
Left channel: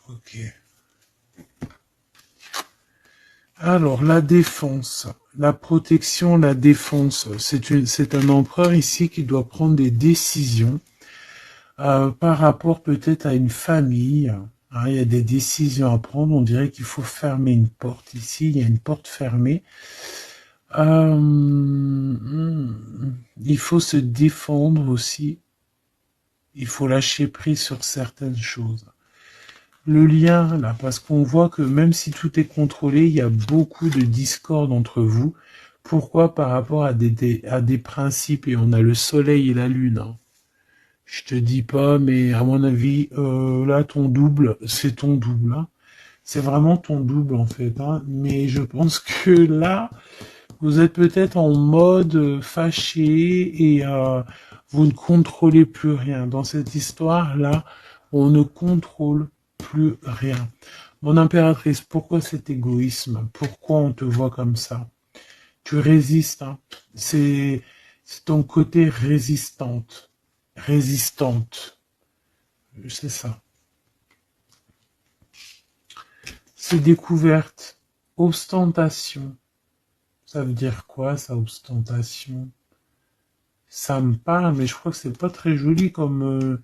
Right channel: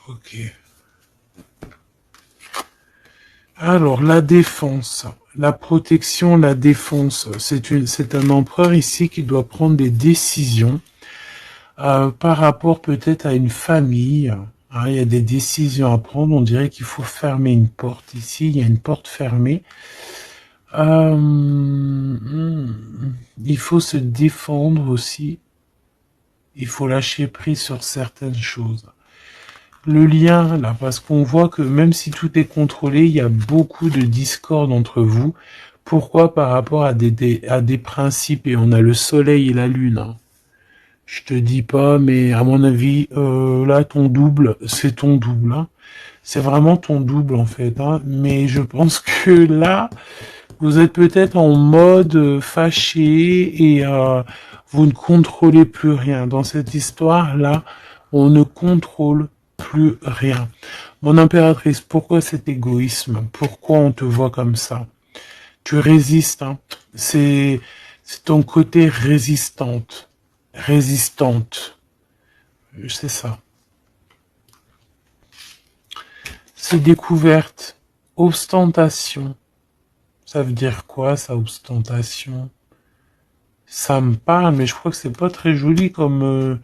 Ok. Alors, la défense, la protection, la défense. C'est un empereur ici qui doit prendre des décisions par rapport peut-être à une famille. Hein, il y a des décisions à prendre. On dirait qu'il faut fermer une porte ici. Il y a une porte fermée. Il faut se défendre aussi. Il faut lâcher prise sur certaines choses. Le lien, là, parce qu'on voit que même si tout est contrôlé, il y a beaucoup de discorde entre vous. Pourquoi? Par rapport à des principes. Et on a le soleil et la lune. Hein. Je te dis pas, mais à mon avis, là, ton double, c'est ton double. Hein. C'est vraiment ton double, en fait. Hein. Mais je pense que là, vous êtes peut-être en mode fâché et vous ne contrôlez plus rien. Dans cette histoire-là, on ne contrôle plus rien. Mon impératrice, pourquoi cet égoïsme? Pourquoi on te voit comme ça? Tu résistes, hein. C'est ton côté résistante. Résistante. C'est ça. C'est découverte. Ostentation. Ça veut dire quoi, ça, ostentation? Ça me parle, mais je crois que c'est pas très joli comme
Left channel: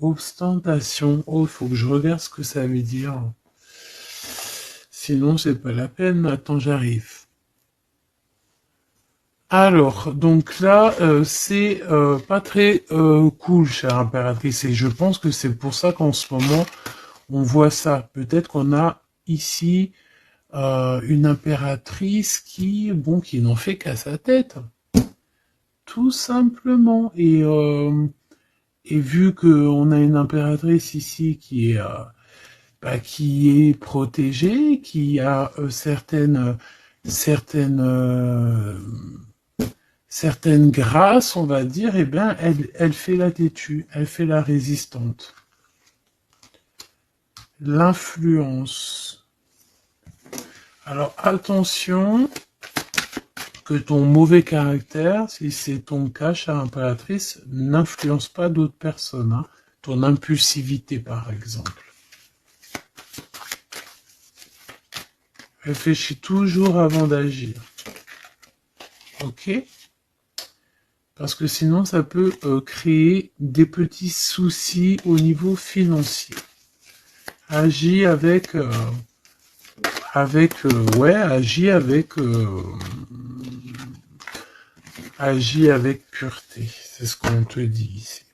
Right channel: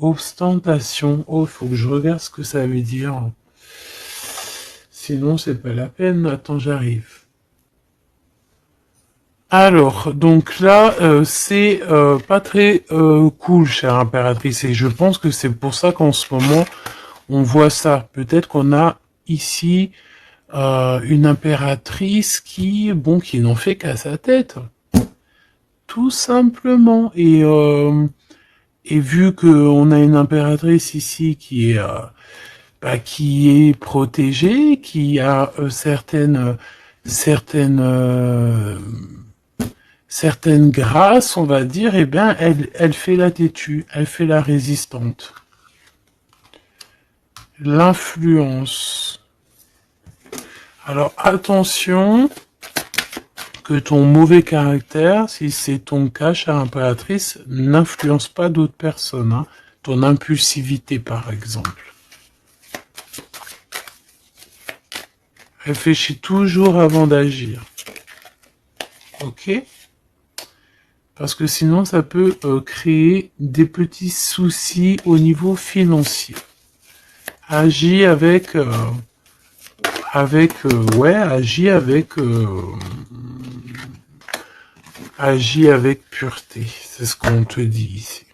ostentation. Oh, il faut que je regarde ce que ça veut dire. Sinon, c'est pas la peine. Attends, j'arrive. Alors, donc là, c'est pas très cool, chère impératrice, et je pense que c'est pour ça qu'en ce moment, on voit ça. Peut-être qu'on a ici une impératrice qui n'en fait qu'à sa tête, tout simplement. Et vu qu'on a une impératrice ici qui est protégée, qui a certaines grâces, on va dire, eh bien, elle fait la têtue, elle fait la résistante. L'influence. Alors, attention que ton mauvais caractère, si c'est ton cas, chère impératrice, n'influence pas d'autres personnes. Hein. Ton impulsivité, par exemple. Réfléchis toujours avant d'agir. Ok? Parce que sinon, ça peut créer des petits soucis au niveau financier. Agis agis avec pureté. C'est ce qu'on te dit ici.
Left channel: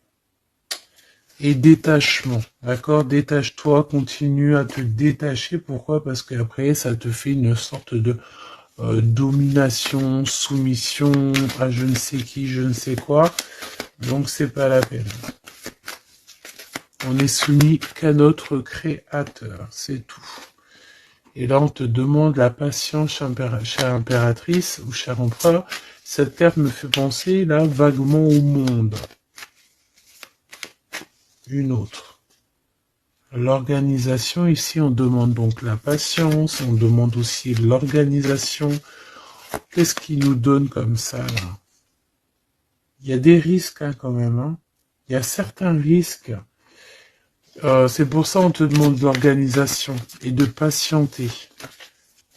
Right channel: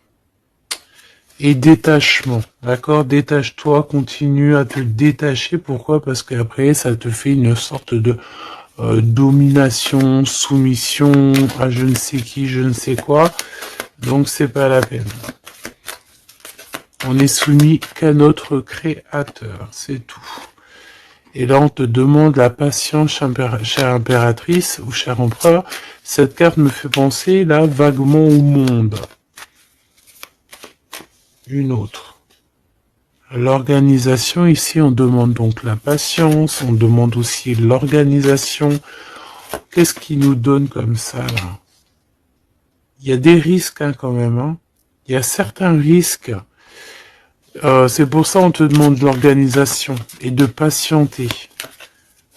Et détachement, d'accord? Détache-toi, continue à te détacher. Pourquoi? Parce qu'après, ça te fait une sorte de domination, soumission à je ne sais qui, je ne sais quoi. Donc, c'est pas la peine. On est soumis qu'à notre créateur, c'est tout. Et là, on te demande la patience, chère impératrice ou cher empereur. Cette carte me fait penser, là, vaguement au monde. Une autre. L'organisation, ici, on demande donc la patience, on demande aussi l'organisation. Qu'est-ce qui nous donne comme ça, là? Il y a des risques, hein, quand même. Hein. Il y a certains risques. C'est pour ça qu'on te demande de l'organisation et de patienter.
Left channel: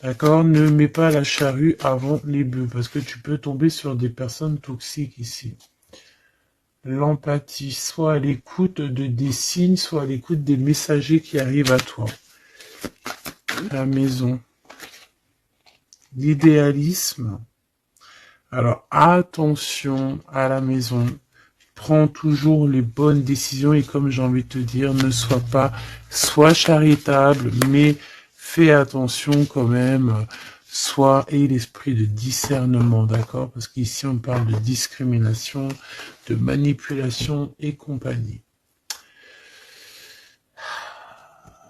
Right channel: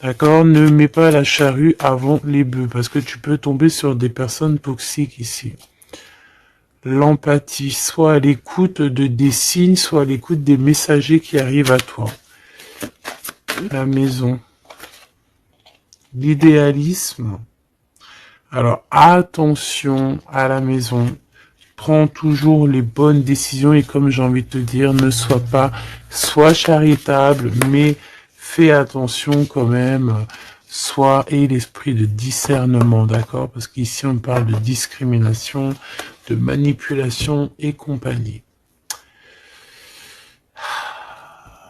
D'accord? Ne mets pas la charrue avant les bœufs, parce que tu peux tomber sur des personnes toxiques ici. L'empathie, soit à l'écoute des signes, soit à l'écoute des messagers qui arrivent à toi. La maison. L'idéalisme. Alors, attention à la maison. Prends toujours les bonnes décisions et comme j'ai envie de te dire, ne sois charitable, mais fais attention quand même. Aie l'esprit de discernement, d'accord? Parce qu'ici, on parle de discrimination, de manipulation et compagnie.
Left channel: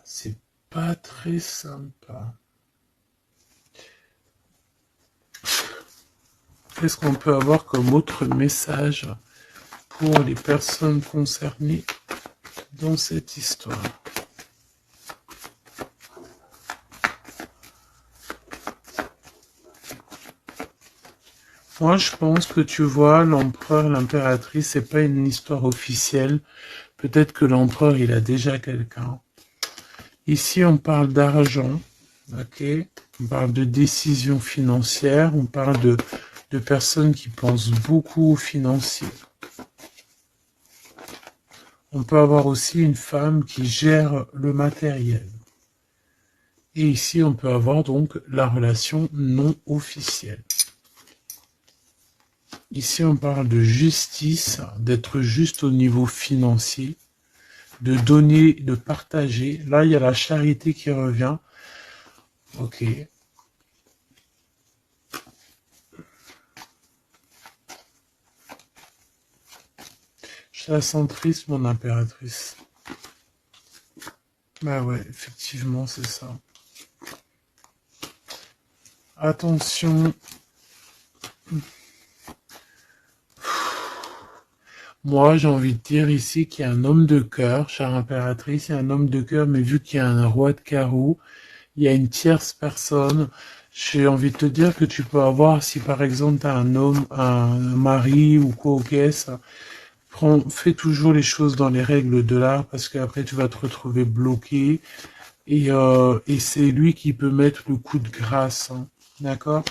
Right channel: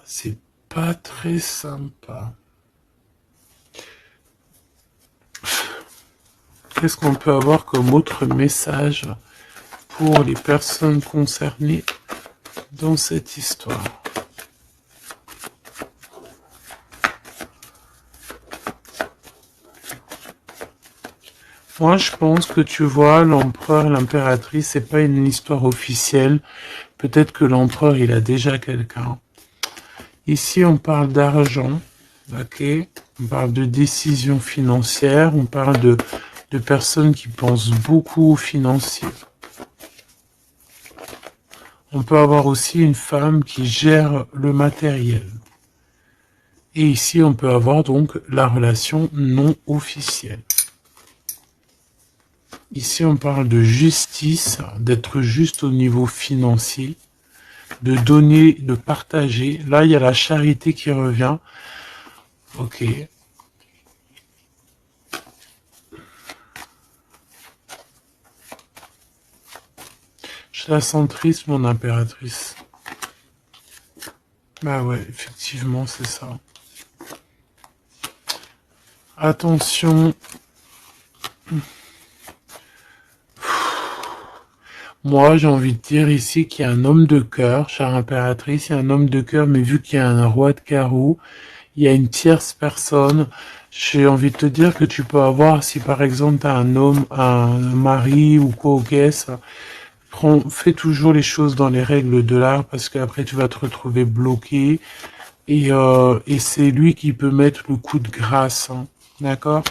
C'est pas très sympa. Qu'est-ce qu'on peut avoir comme autre message pour les personnes concernées dans cette histoire? Moi, je pense que tu vois, l'empereur, l'impératrice, c'est pas une histoire officielle. Peut-être que l'empereur, il a déjà quelqu'un. Ici, on parle d'argent, ok? On parle de décisions financières, on parle de personnes qui pensent beaucoup aux financiers. On peut avoir aussi une femme qui gère le matériel. Et ici, on peut avoir donc la relation non officielle. Ici, on parle de justice, d'être juste au niveau financier, de donner, de partager. Là, il y a la charité qui revient. Ok. Je la sens triste, mon impératrice. Bah ouais, effectivement, c'est ça. Attention. Moi, j'ai envie de dire ici qu'il y a un homme de cœur, chère impératrice, il y a un homme de cœur, mais vu qu'il y a un roi de carreau, il y a une tierce personne. J'ai envie de te dire que tu peux avoir, si par exemple tu as un homme, un mari ou quoi, ok, ça, fais toujours les choses dans les règles de l'art parce qu'après tu vas te retrouver bloqué et c'est lui qui peut mettre le coup de grâce, hein, d'accord?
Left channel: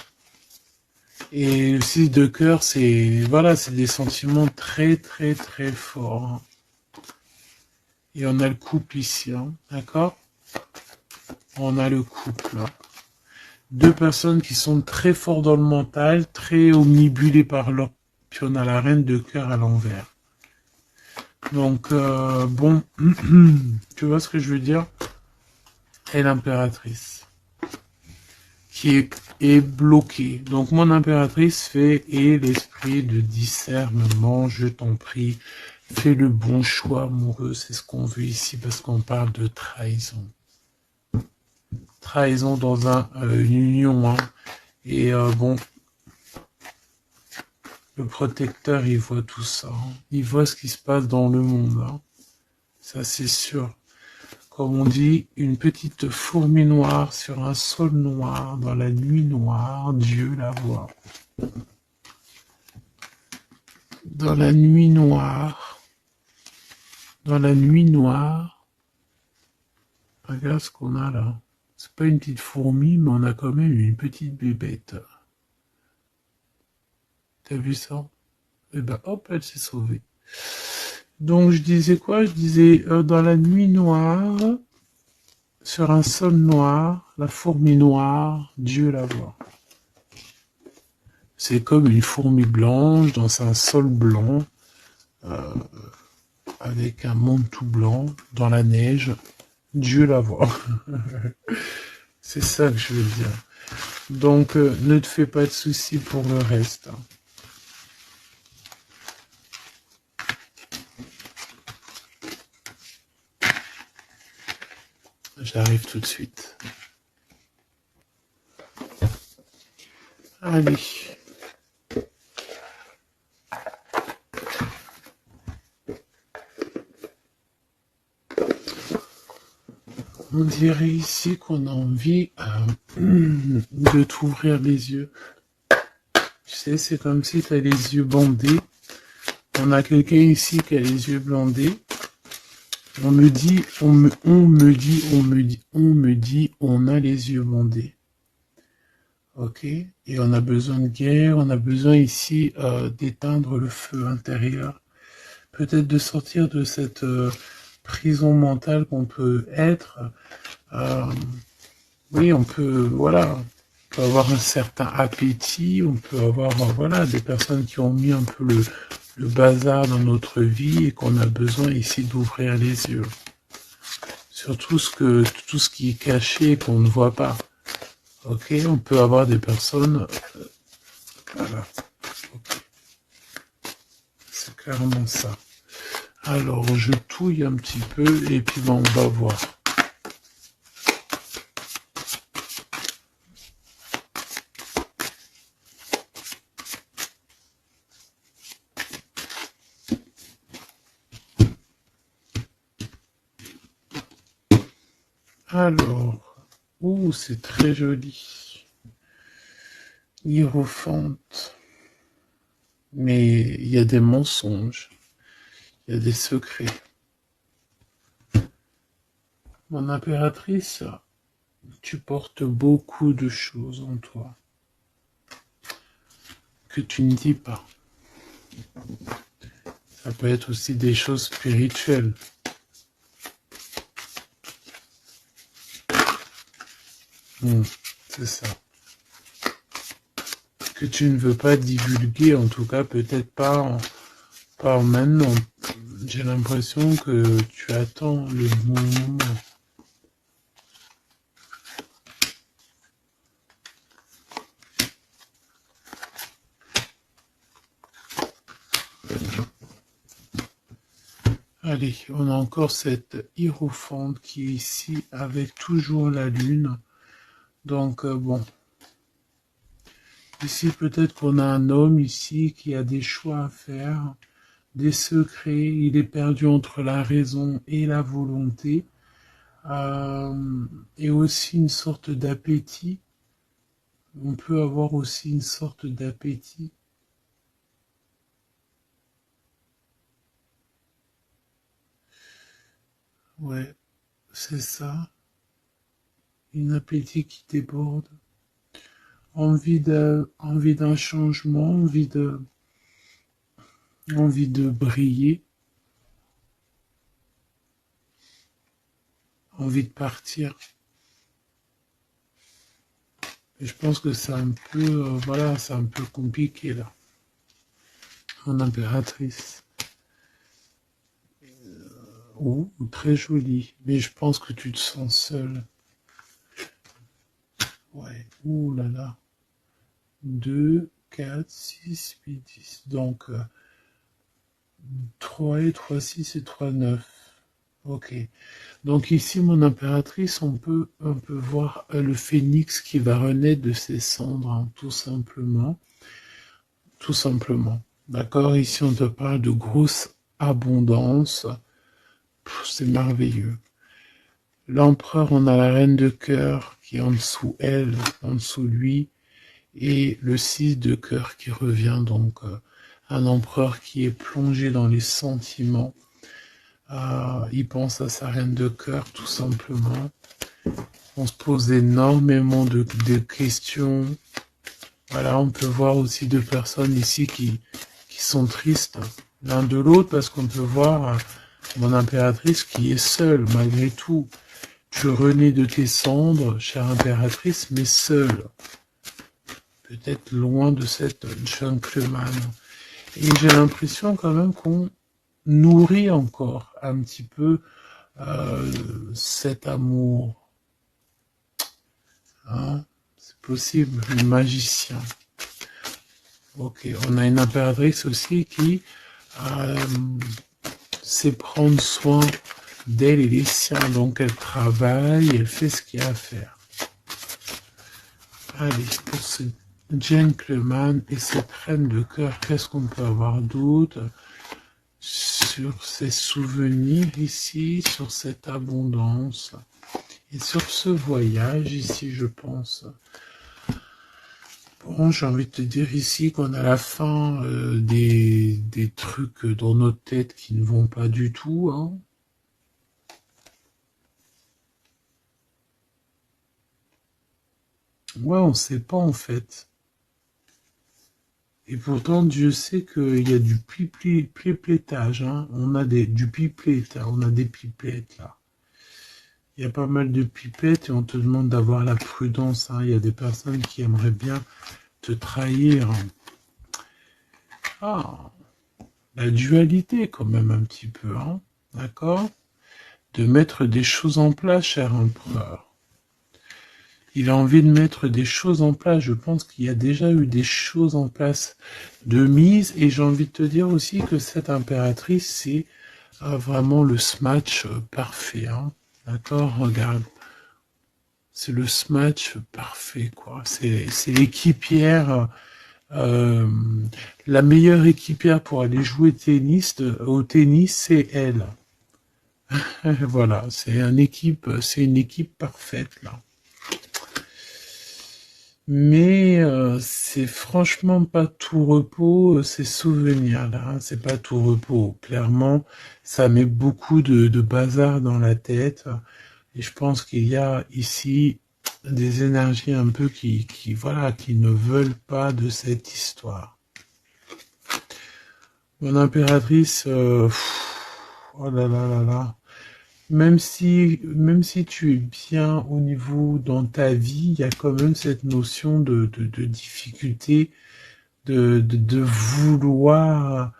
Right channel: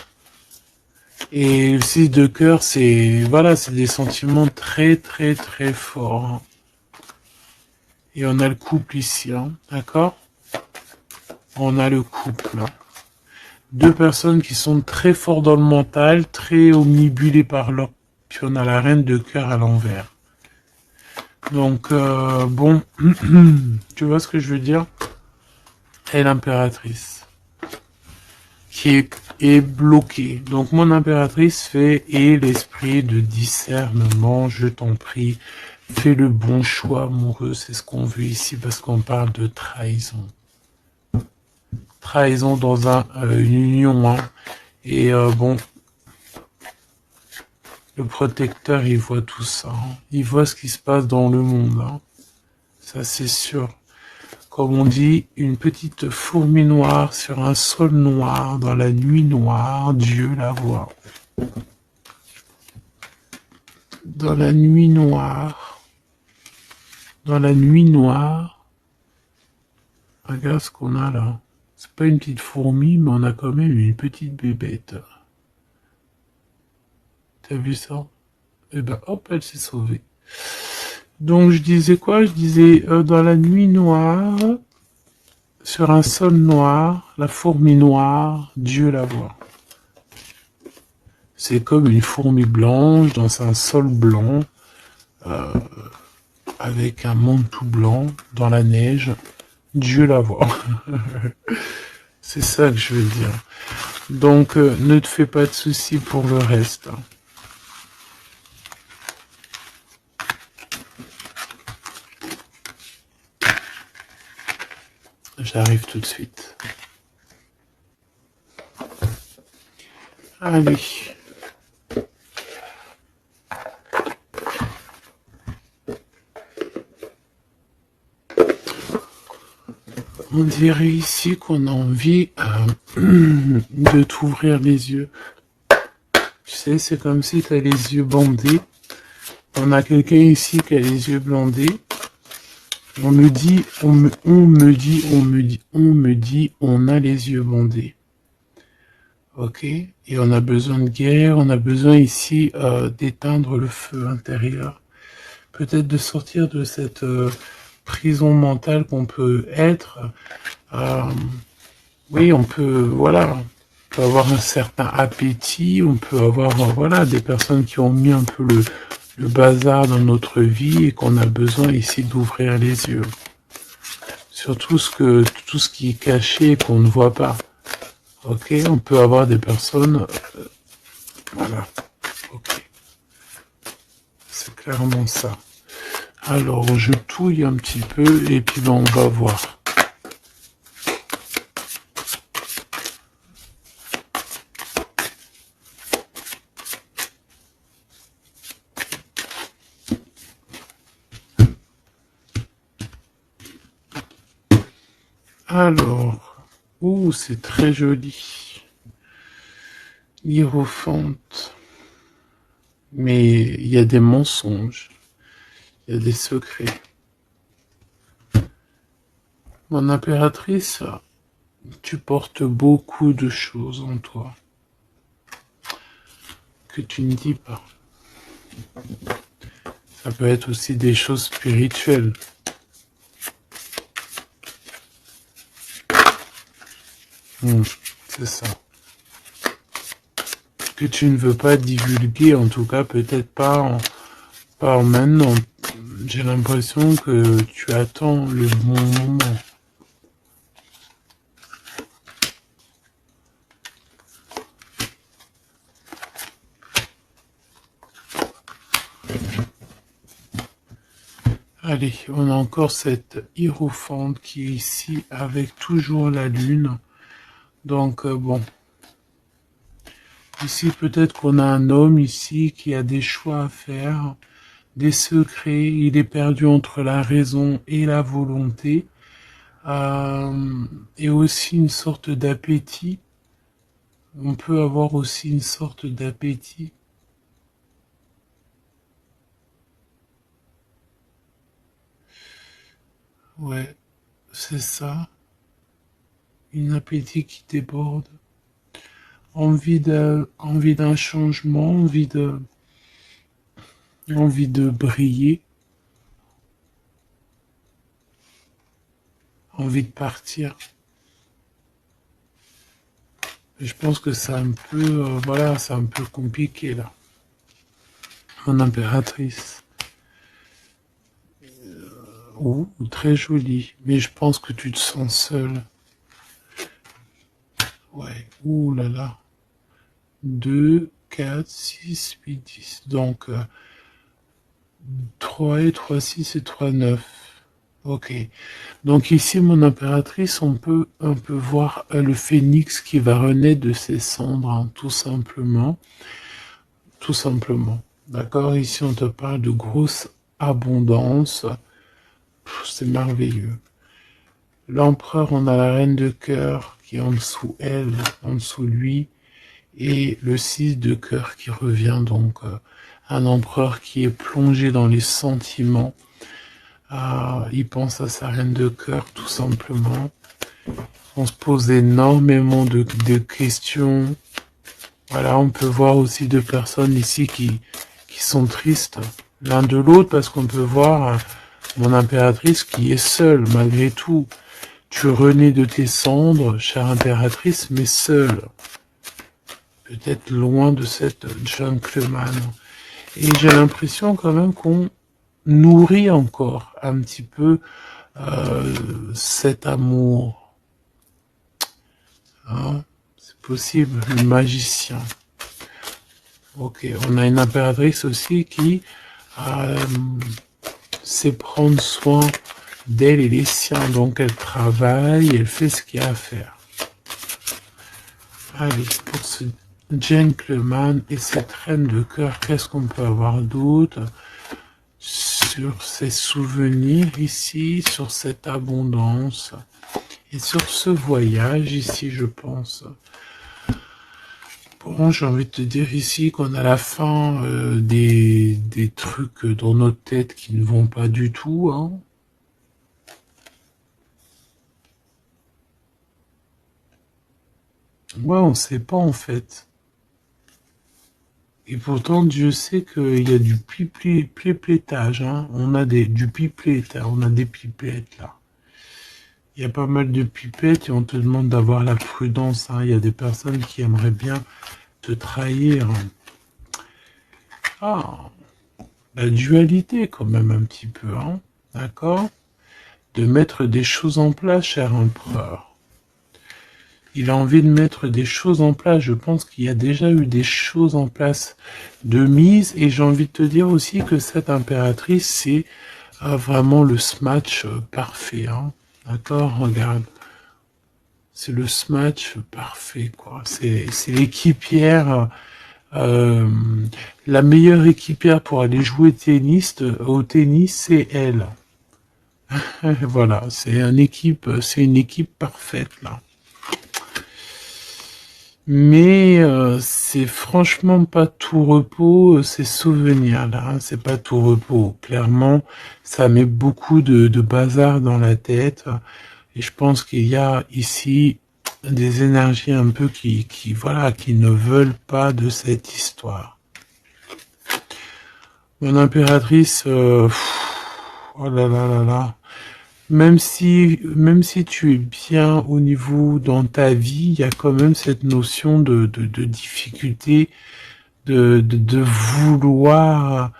Et le 6 de cœur, c'est voilà, c'est des sentiments très très très forts, hein. Et on a le couple ici, hein, d'accord? On a le couple, hein. Deux personnes qui sont très fortes dans le mental, très omnibulées par l'autre. Puis on a la reine de cœur à l'envers. Donc, bon, tu vois ce que je veux dire? Et l'impératrice, est bloquée. Donc, mon impératrice fait, et l'esprit de discernement, je t'en prie, fais le bon choix amoureux, c'est ce qu'on veut ici, parce qu'on parle de trahison. Trahison dans une union, hein. Et bon, le protecteur, il voit tout ça, hein. Il voit ce qui se passe dans le monde, hein. Ça, c'est sûr. Comme on dit, une petite fourmi noire sur un sol noir, dans la nuit noire, Dieu la voit. Dans la nuit noire, dans la nuit noire, regarde ce qu'on a là. C'est pas une petite fourmi, mais on a quand même une petite bébête. T'as vu ça? Et ben hop, elle s'est sauvée. Donc je disais quoi? Je disais dans la nuit noire, sur un sol noir, la fourmi noire, Dieu la voit. C'est comme une fourmi blanche dans un sol blanc, avec un monde tout blanc, dans la neige, Dieu la voit. C'est ça que je veux dire. Donc ne te fais pas de soucis pour le reste. J'arrive tout de suite. Allez. On dirait ici qu'on a envie de t'ouvrir les yeux. Tu sais, c'est comme si tu as les yeux bandés. On a quelqu'un ici qui a les yeux bandés. On me dit, on me dit, on a les yeux bandés. Ok? Et on a besoin de guerre, on a besoin ici d'éteindre le feu intérieur. Peut-être de sortir de cette prison mentale qu'on peut être. Oui, on peut, voilà, on peut avoir un certain appétit, on peut avoir, voilà, des personnes qui ont mis un peu le bazar dans notre vie et qu'on a besoin ici d'ouvrir les yeux. Sur tout ce qui est caché et qu'on ne voit pas. Ok, on peut avoir des personnes, voilà, ok, c'est clairement ça. Alors, je touille un petit peu et puis ben, on va voir. Alors, ouh, c'est très joli. Hiérophante. Mais il y a des mensonges, il y a des secrets. Mon impératrice, tu portes beaucoup de choses en toi que tu ne dis pas. Ça peut être aussi des choses spirituelles. C'est ça. Que tu ne veux pas divulguer, en tout cas peut-être pas maintenant. J'ai l'impression que tu attends le bon moment. Allez, on a encore cette hiérophante qui est ici avec toujours la lune. Donc bon, ici peut-être qu'on a un homme ici qui a des choix à faire, des secrets, il est perdu entre la raison et la volonté, et aussi une sorte d'appétit. On peut avoir aussi une sorte d'appétit. Ouais, c'est ça. Une appétit qui déborde. Envie d'un changement, envie de briller, envie de partir. Je pense que c'est un peu, voilà, c'est un peu compliqué là. Mon impératrice. Oh, très jolie. Mais je pense que tu te sens seule. Ouais. Ouh là là. 2, 4, 6, 8, 10. Donc, 3 et 3, 6 et 3, 9. Ok. Donc ici, mon impératrice, on peut voir le phénix qui va renaître de ses cendres, hein, tout simplement. Tout simplement. D'accord? Ici, on te parle de grosse abondance. C'est merveilleux. L'empereur, on a la reine de cœur qui est en dessous elle, en dessous lui, et le 6 de cœur qui revient, donc un empereur qui est plongé dans les sentiments. Il pense à sa reine de cœur, tout simplement. On se pose énormément de questions. Voilà, on peut voir aussi deux personnes ici qui sont tristes l'un de l'autre, parce qu'on peut voir mon impératrice qui est seule, malgré tout. Tu renais de tes cendres, chère impératrice, mais seule. Peut-être loin de cette gentleman. Et j'ai l'impression quand même qu'on nourrit encore un petit peu cet amour. Hein, c'est possible, le magicien. Ok, on a une impératrice aussi qui sait prendre soin d'elle et des siens. Donc elle travaille, elle fait ce qu'il y a à faire. Allez, pour ce gentleman et cette reine de cœur, qu'est-ce qu'on peut avoir d'autre sur ces souvenirs ici, sur cette abondance et sur ce voyage ici, je pense. Bon, j'ai envie de te dire ici qu'on a la fin des trucs dans notre tête qui ne vont pas du tout, hein. Ouais, on sait pas en fait. Et pourtant, Dieu sait qu'il y a du pipettage, hein. On a du pipette, on a des pipettes là. Il y a pas mal de pipettes et on te demande d'avoir la prudence, hein. Il y a des personnes qui aimeraient bien te trahir. Ah, la dualité quand même un petit peu, hein. D'accord? De mettre des choses en place, cher empereur. Il a envie de mettre des choses en place. Je pense qu'il y a déjà eu des choses en place de mise. Et j'ai envie de te dire aussi que cette impératrice, c'est vraiment le smash parfait, hein. D'accord? Regarde. C'est le smash parfait, quoi. C'est l'équipière, la meilleure équipière pour aller jouer au tennis, c'est elle. Voilà, c'est une équipe parfaite là. Mais c'est franchement pas tout repos, ces souvenirs-là, hein, c'est pas tout repos. Clairement, ça met beaucoup de bazar dans la tête. Et je pense qu'il y a ici des énergies un peu voilà, qui ne veulent pas de cette histoire. Mon impératrice, oh là là là là. Même si tu es bien au niveau dans ta vie, il y a quand même cette notion de difficulté, de vouloir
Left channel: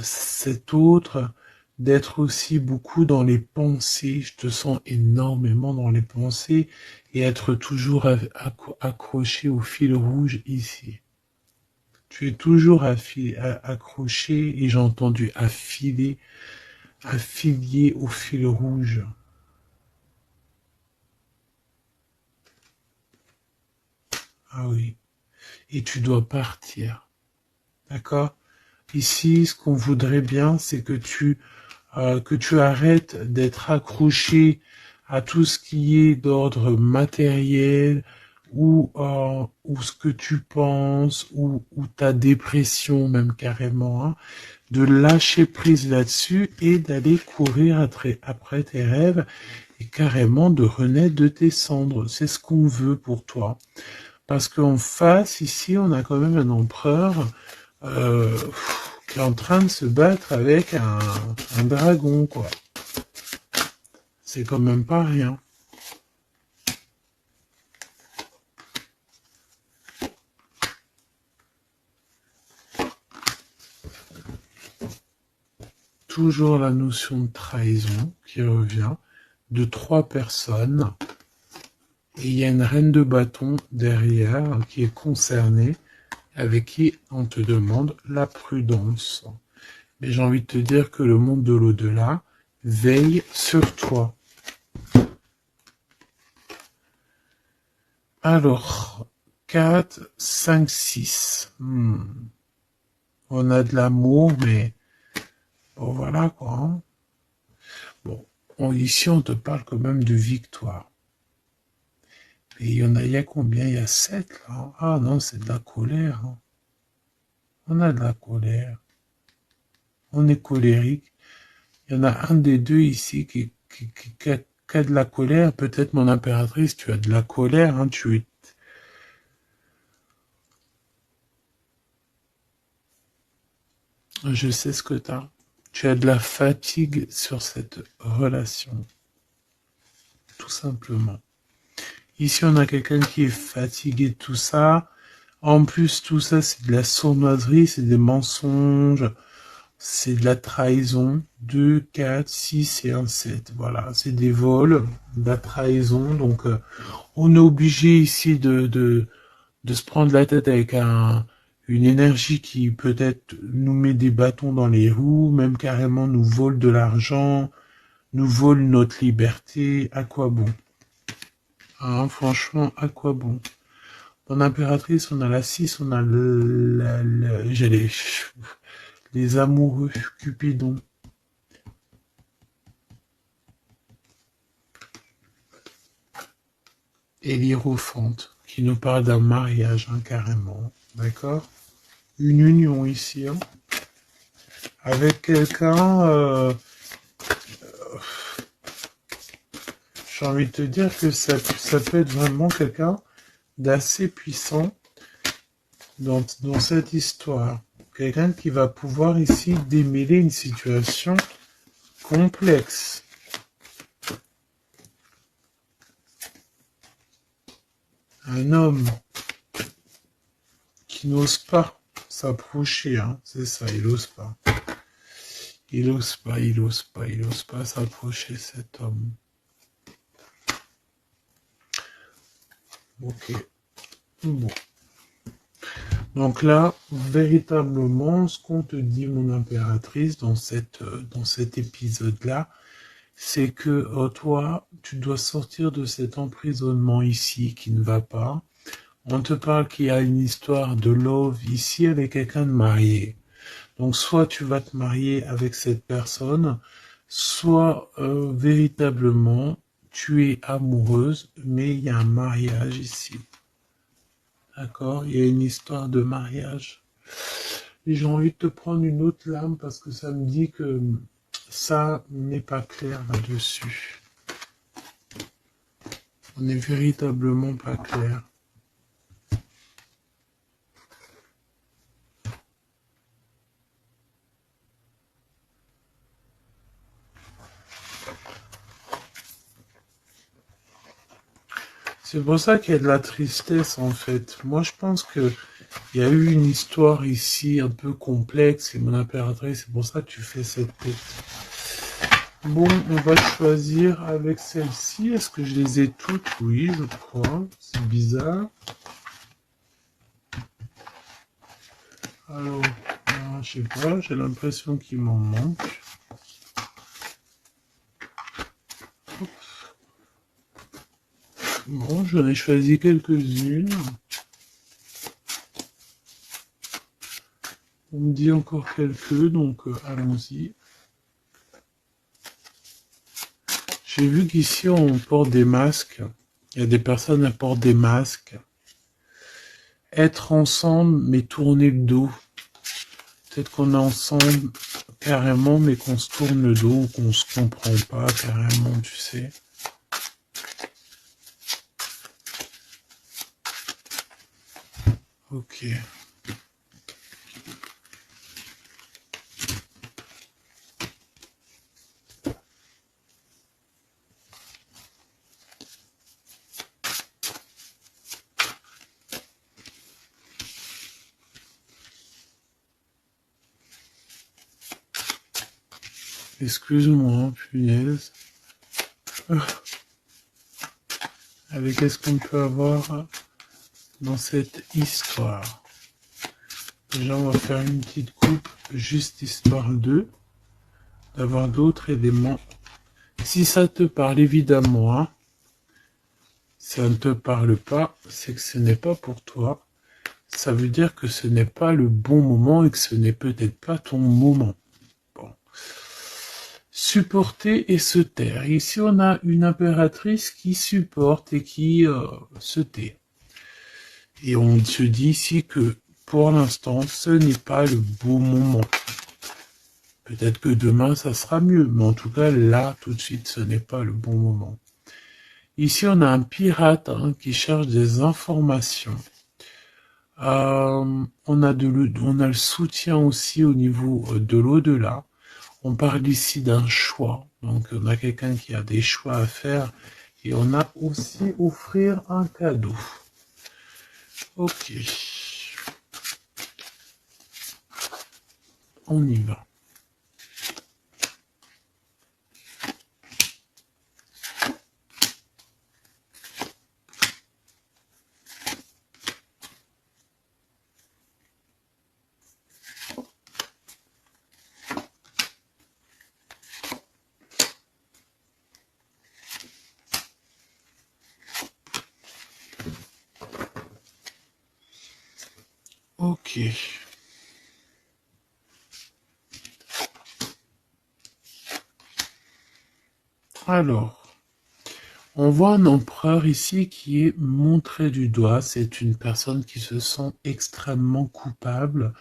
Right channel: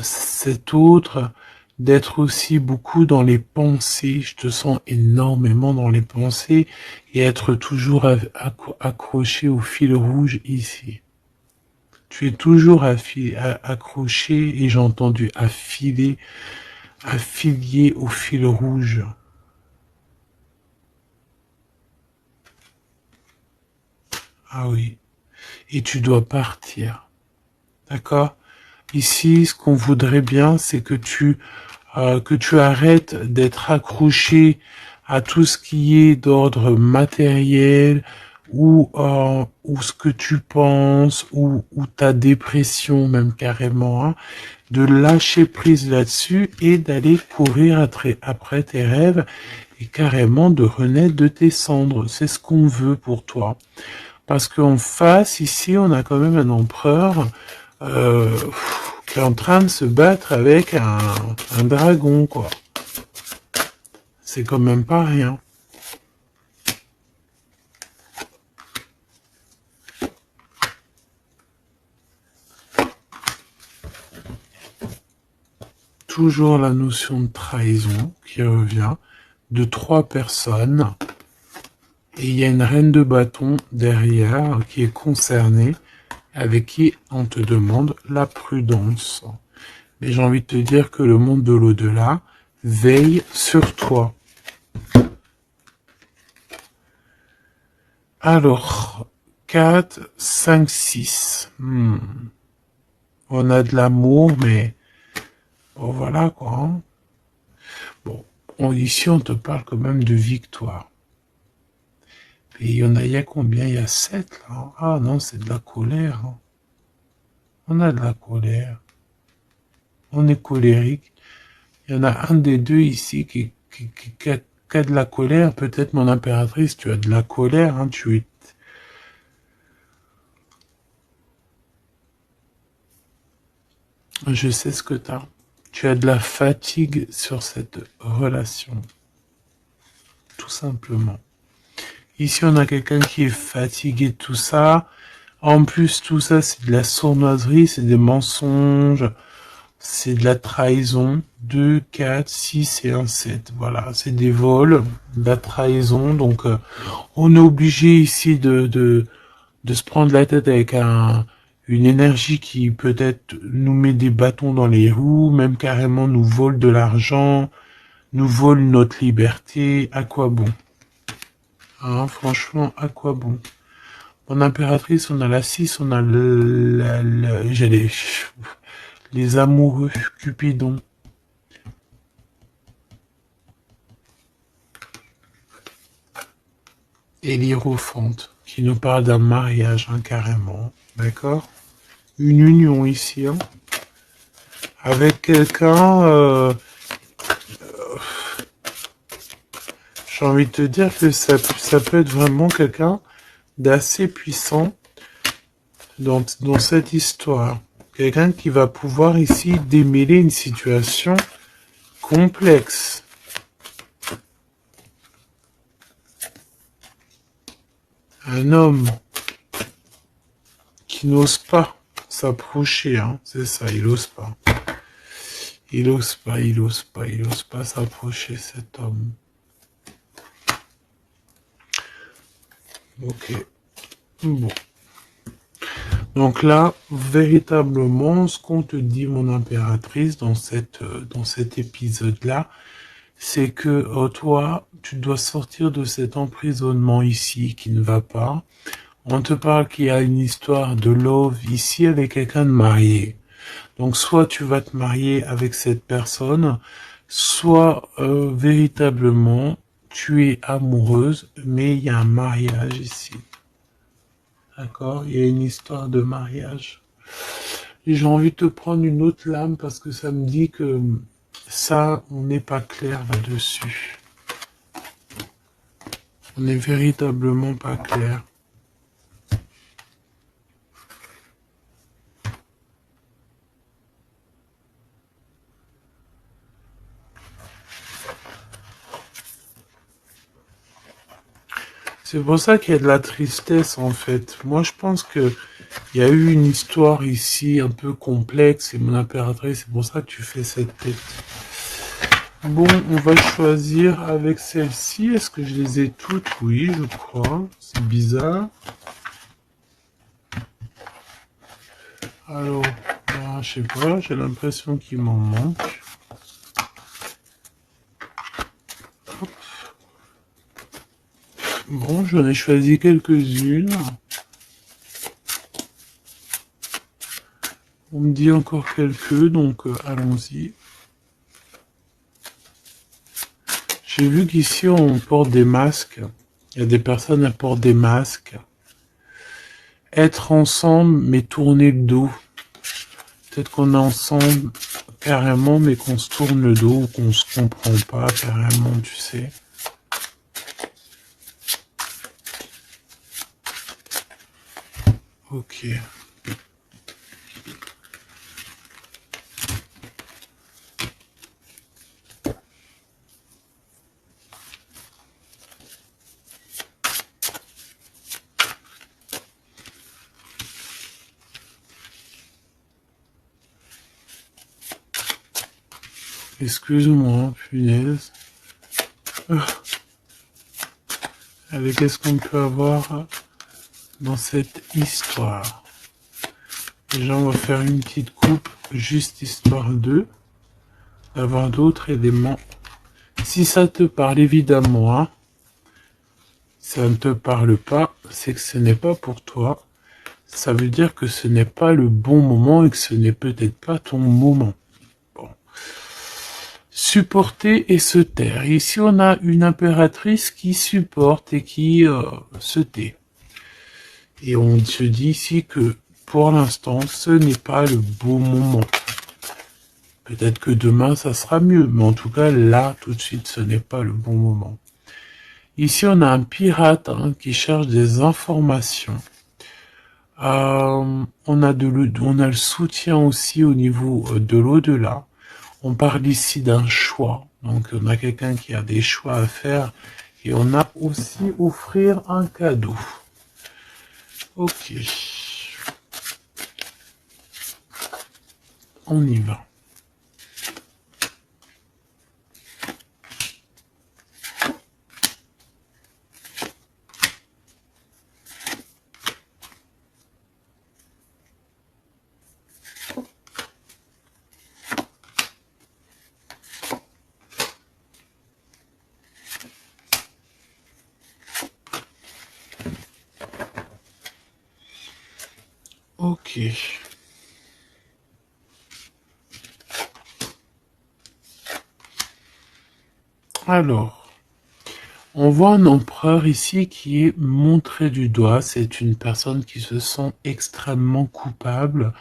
cet autre, d'être aussi beaucoup dans les pensées. Je te sens énormément dans les pensées et être toujours accroché au fil rouge ici. Tu es toujours accroché et j'ai entendu affilié au fil rouge. Ah oui. Et tu dois partir. D'accord? Ici, ce qu'on voudrait bien, c'est que tu arrêtes d'être accroché à tout ce qui est d'ordre matériel ou ce que tu penses ou ta dépression même carrément, hein, de lâcher prise là-dessus et d'aller courir après tes rêves et carrément de renaître de tes cendres. C'est ce qu'on veut pour toi. Parce qu'en face, ici, on a quand même un empereur euh, qui est en train de se battre avec un dragon, quoi. C'est quand même pas rien. Toujours la notion de trahison qui revient de 3 personnes. Et il y a une reine de bâton derrière qui est concernée, avec qui on te demande la prudence. Mais j'ai envie de te dire que le monde de l'au-delà veille sur toi. Alors, 4, 5, 6. On a de l'amour, mais bon, voilà quoi. Hein. Bon, ici on te parle quand même de victoire. Et il y a combien? Il y a 7 là. Ah non, c'est de la colère. Hein. On a de la colère. On est colérique. Il y en a un des deux ici qui a de la colère. Peut-être mon impératrice, tu as de la colère. Hein, Je sais ce que tu as. Tu as de la fatigue sur cette relation. Tout simplement. Ici, on a quelqu'un qui est fatigué de tout ça. En plus, tout ça, c'est de la sournoiserie, c'est des mensonges, c'est de la trahison. 2, 4, 6 et un 7. Voilà, c'est des vols, de la trahison. Donc, on est obligé ici de se prendre la tête avec une énergie qui peut-être nous met des bâtons dans les roues, même carrément nous vole de l'argent, nous vole notre liberté. À quoi bon? Hein, franchement, à quoi bon? Mon impératrice, on a la 6, on a j'ai les amoureux, Cupidon. Et l'Hiérophante, qui nous parle d'un mariage, hein, carrément. D'accord? Une union ici, hein, avec quelqu'un, j'ai envie de te dire que ça peut être vraiment quelqu'un d'assez puissant dans cette histoire. Quelqu'un qui va pouvoir ici démêler une situation complexe. Un homme qui n'ose pas s'approcher, hein, c'est ça, il n'ose pas. Il n'ose pas s'approcher, cet homme. Ok. Bon. Donc là, véritablement, ce qu'on te dit, mon impératrice, dans cet épisode-là, c'est que toi, tu dois sortir de cet emprisonnement ici qui ne va pas. On te parle qu'il y a une histoire de love ici avec quelqu'un de marié. Donc soit tu vas te marier avec cette personne, soit véritablement tu es amoureuse, mais il y a un mariage ici. D'accord? Il y a une histoire de mariage. Et j'ai envie de te prendre une autre lame parce que ça me dit que ça, on n'est pas clair là-dessus. On n'est véritablement pas clair. C'est pour ça qu'il y a de la tristesse en fait. Moi je pense que il y a eu une histoire ici un peu complexe et mon impératrice, c'est pour ça que tu fais cette tête. Bon, on va choisir avec celle-ci. Est-ce que je les ai toutes? Oui, je crois. C'est bizarre. Alors, je sais pas, j'ai l'impression qu'il m'en manque. Bon, j'en ai choisi quelques-unes. On me dit encore quelques, donc allons-y. J'ai vu qu'ici on porte des masques. Il y a des personnes qui portent des masques. Être ensemble mais tourner le dos. Peut-être qu'on est ensemble carrément mais qu'on se tourne le dos ou qu'on se comprend pas carrément, tu sais. Ok. Excuse-moi, punaise. Avec qu'est-ce qu'on peut avoir dans cette histoire? Déjà, on va faire une petite coupe, juste histoire d'avoir d'autres éléments. Si ça te parle, évidemment, hein, si ça ne te parle pas, c'est que ce n'est pas pour toi. Ça veut dire que ce n'est pas le bon moment et que ce n'est peut-être pas ton moment. Bon. Supporter et se taire. Ici, on a une impératrice qui supporte et qui se tait. Et on se dit ici que pour l'instant, ce n'est pas le bon moment. Peut-être que demain, ça sera mieux, mais en tout cas, là, tout de suite, ce n'est pas le bon moment. Ici, on a un pirate qui cherche des informations. On a le soutien aussi au niveau de l'au-delà. On parle ici d'un choix. Donc, on a quelqu'un qui a des choix à faire. Et on a aussi offrir un cadeau. Ok. On y va. Ok. Alors, on voit un empereur ici qui est montré du doigt. C'est une personne qui se sent extrêmement coupable.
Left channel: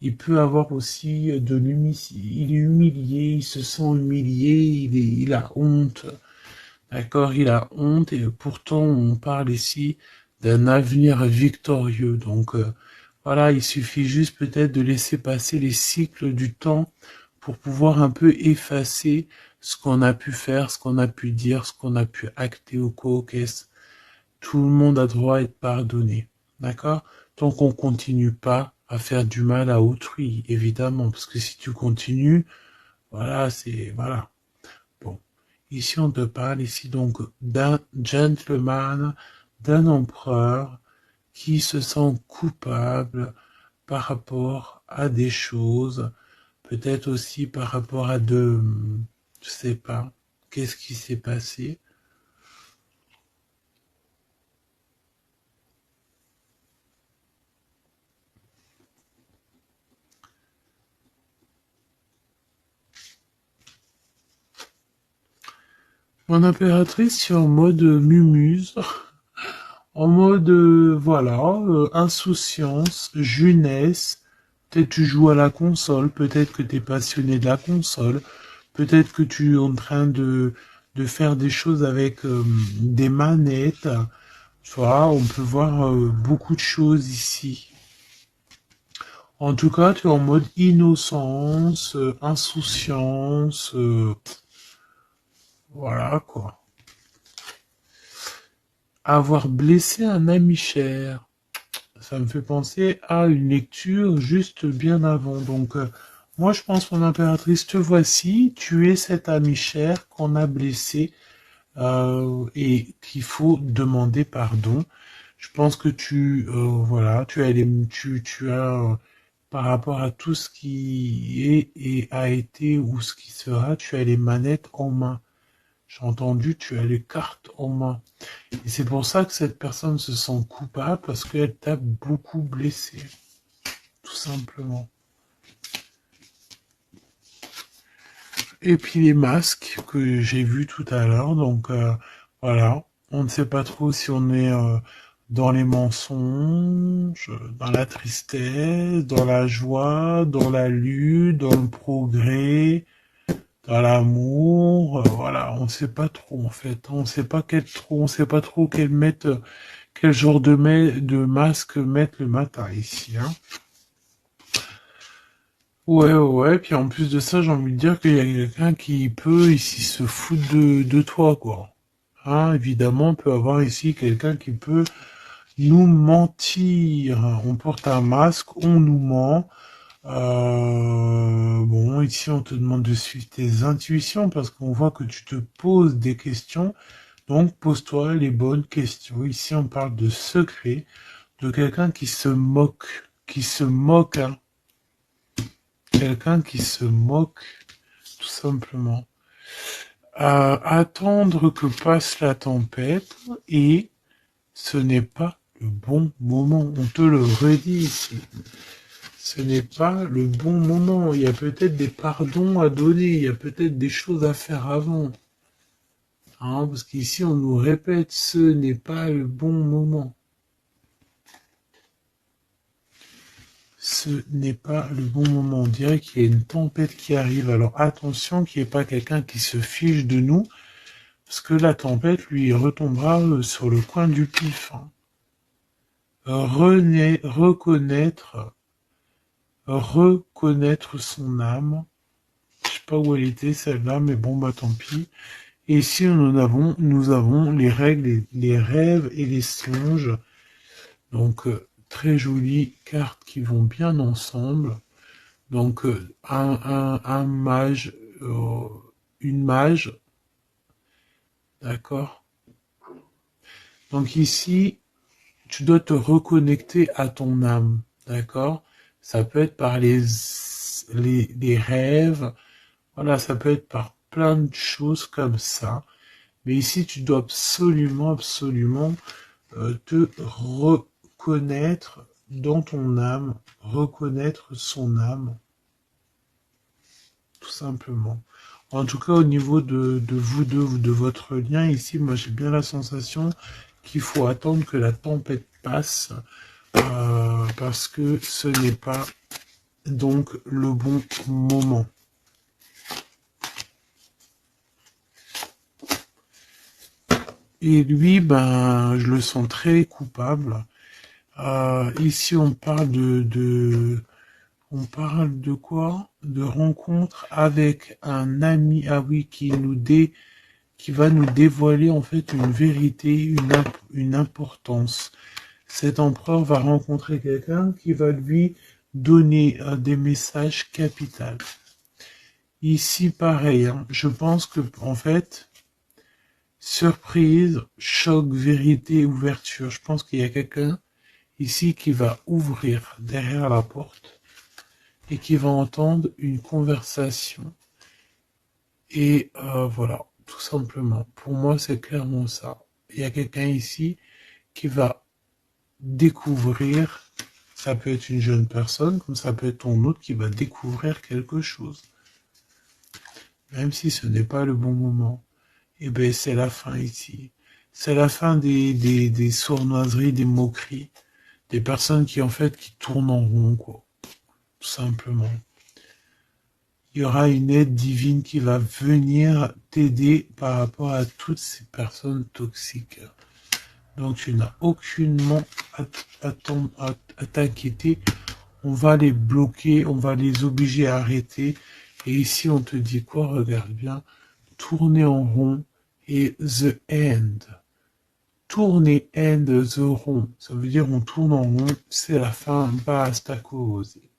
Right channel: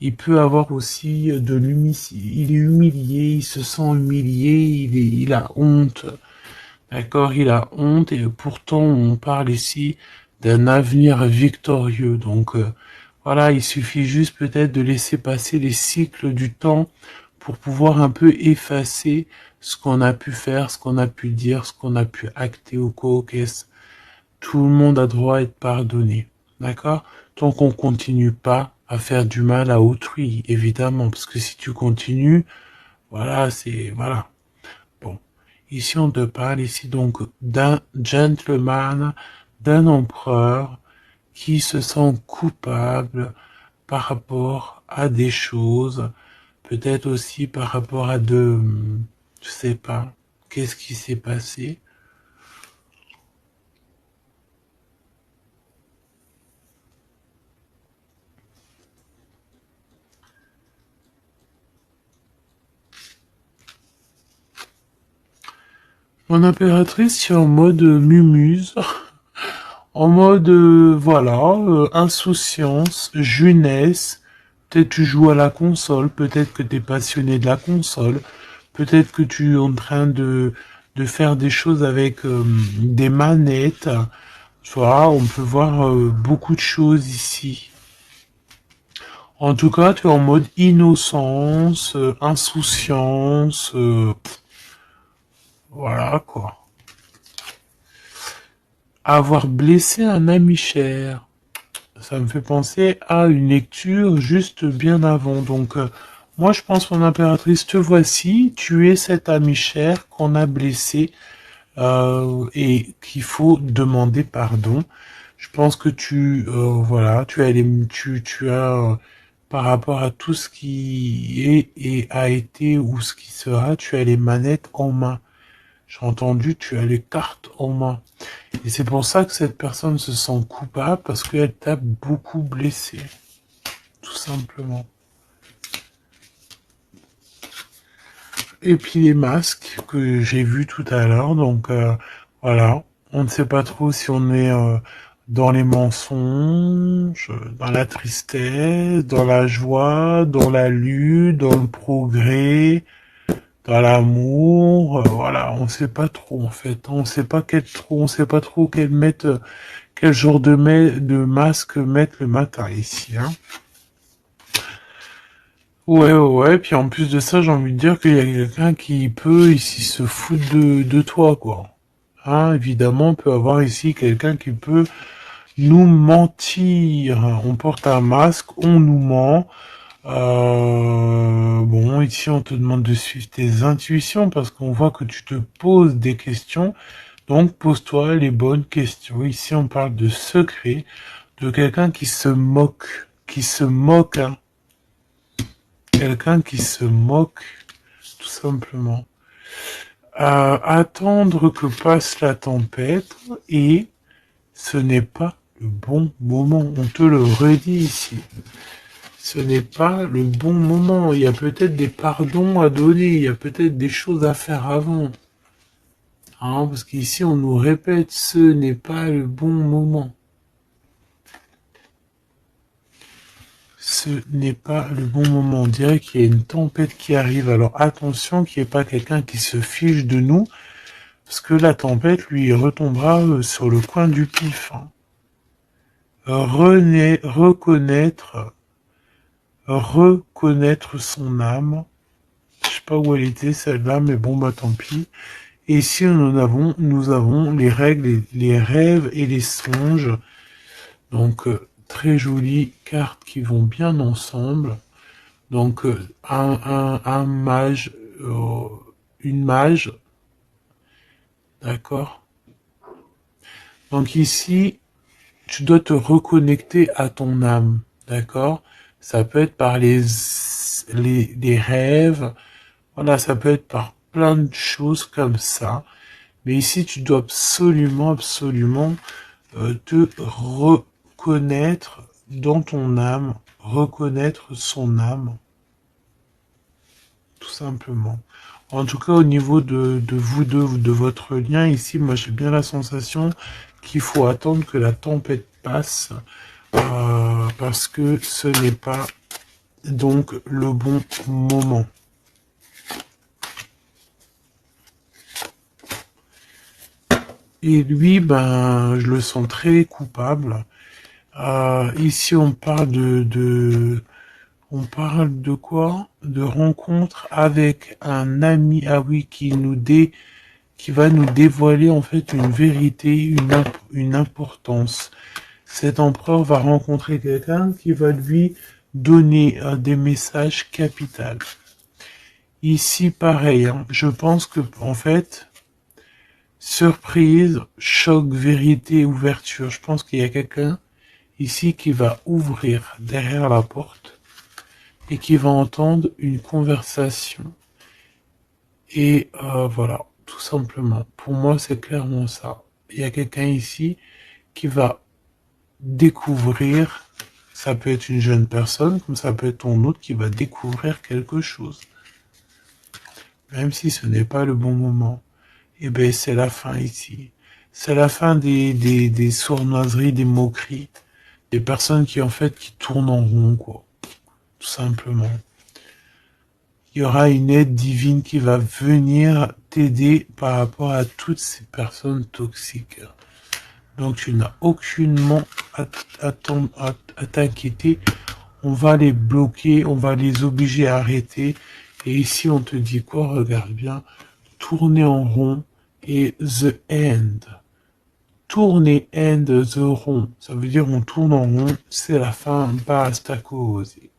Il peut avoir aussi de l'humilité. Il est humilié, il se sent humilié, il a honte. D'accord, il a honte et pourtant on parle ici d'un avenir victorieux. Donc voilà, il suffit juste peut-être de laisser passer les cycles du temps pour pouvoir un peu effacer ce qu'on a pu faire, ce qu'on a pu dire, ce qu'on a pu acter au co-caisse. Tout le monde a droit à être pardonné. D'accord? Tant qu'on continue pas à faire du mal à autrui, évidemment. Parce que si tu continues, voilà, c'est, voilà. Bon. Ici, on te parle ici donc d'un gentleman, d'un empereur qui se sent coupable par rapport à des choses, peut-être aussi par rapport à je sais pas, qu'est-ce qui s'est passé. Mon impératrice, c'est en mode mumuse, en mode, voilà, insouciance, jeunesse. Peut-être tu joues à la console, peut-être que tu es passionné de la console, peut-être que tu es en train de faire des choses avec des manettes. Tu vois, on peut voir beaucoup de choses ici. En tout cas, tu es en mode innocence, insouciance, voilà quoi. Avoir blessé un ami cher. Ça me fait penser à une lecture juste bien avant. Donc, moi, je pense, mon impératrice, te voici. Tu es cet ami cher qu'on a blessé et qu'il faut demander pardon. Je pense que voilà, tu as, par rapport à tout ce qui est et a été ou ce qui sera, tu as les manettes en main. J'ai entendu, tu as les cartes en main. Et c'est pour ça que cette personne se sent coupable parce qu'elle t'a beaucoup blessé, tout simplement. Et puis les masques que j'ai vus tout à l'heure, donc voilà, on ne sait pas trop si on est dans les mensonges, dans la tristesse, dans la joie, dans la lutte, dans le progrès, dans l'amour, voilà, on ne sait pas trop en fait, on ne sait pas on sait pas trop quel genre de masque mettre le matin ici, hein. Ouais, ouais, puis en plus de ça, j'ai envie de dire qu'il y a quelqu'un qui peut ici se foutre de toi, quoi. Ah, évidemment, on peut avoir ici quelqu'un qui peut nous mentir. On porte un masque, on nous ment. Bon, ici, on te demande de suivre tes intuitions parce qu'on voit que tu te poses des questions. Donc, pose-toi les bonnes questions. Ici, on parle de secret, de quelqu'un qui se moque, hein. Quelqu'un qui se moque, tout simplement. Attendre que passe la tempête et ce n'est pas le bon moment. On te le redit ici. Ce n'est pas le bon moment. Il y a peut-être des pardons à donner. Il y a peut-être des choses à faire avant. Hein, parce qu'ici, on nous répète, ce n'est pas le bon moment. Ce n'est pas le bon moment. On dirait qu'il y a une tempête qui arrive. Alors attention qu'il n'y ait pas quelqu'un qui se fiche de nous. Parce que la tempête, lui, retombera sur le coin du pif, hein. Reconnaître son âme. Je sais pas où elle était celle-là, mais bon bah tant pis. Et ici nous avons les règles, les rêves et les songes. Donc très jolies cartes qui vont bien ensemble. Donc un mage, une mage, d'accord. Donc ici tu dois te reconnecter à ton âme, d'accord? Ça peut être par les rêves, voilà, ça peut être par plein de choses comme ça. Mais ici, tu dois absolument, absolument te reconnaître dans ton âme, reconnaître son âme, tout simplement. En tout cas, au niveau de vous deux, de votre lien ici, moi j'ai bien la sensation qu'il faut attendre que la tempête passe parce que ce n'est pas donc le bon moment. Et lui, ben, je le sens très coupable. Ici, on parle de quoi? De rencontre avec un ami, ah oui, qui va nous dévoiler en fait une vérité, une importance. Cet empereur va rencontrer quelqu'un qui va lui donner des messages capitaux. Ici, pareil, hein, je pense que en fait, surprise, choc, vérité, ouverture. Je pense qu'il y a quelqu'un ici qui va ouvrir derrière la porte et qui va entendre une conversation. Et voilà, tout simplement. Pour moi, c'est clairement ça. Il y a quelqu'un ici qui va découvrir, ça peut être une jeune personne, comme ça peut être ton autre qui va découvrir quelque chose. Même si ce n'est pas le bon moment. eh ben c'est la fin ici. C'est la fin des sournoiseries, des moqueries, des personnes qui en fait qui tournent en rond, quoi. Tout simplement. Il y aura une aide divine qui va venir t'aider par rapport à toutes ces personnes toxiques. Donc tu n'as aucunement à t'inquiéter. On va les bloquer, on va les obliger à arrêter. Et ici on te dit quoi? Regarde bien. Tourner en rond et the end. Tourner end the rond. Ça veut dire on tourne en rond, c'est la fin, basta cosy.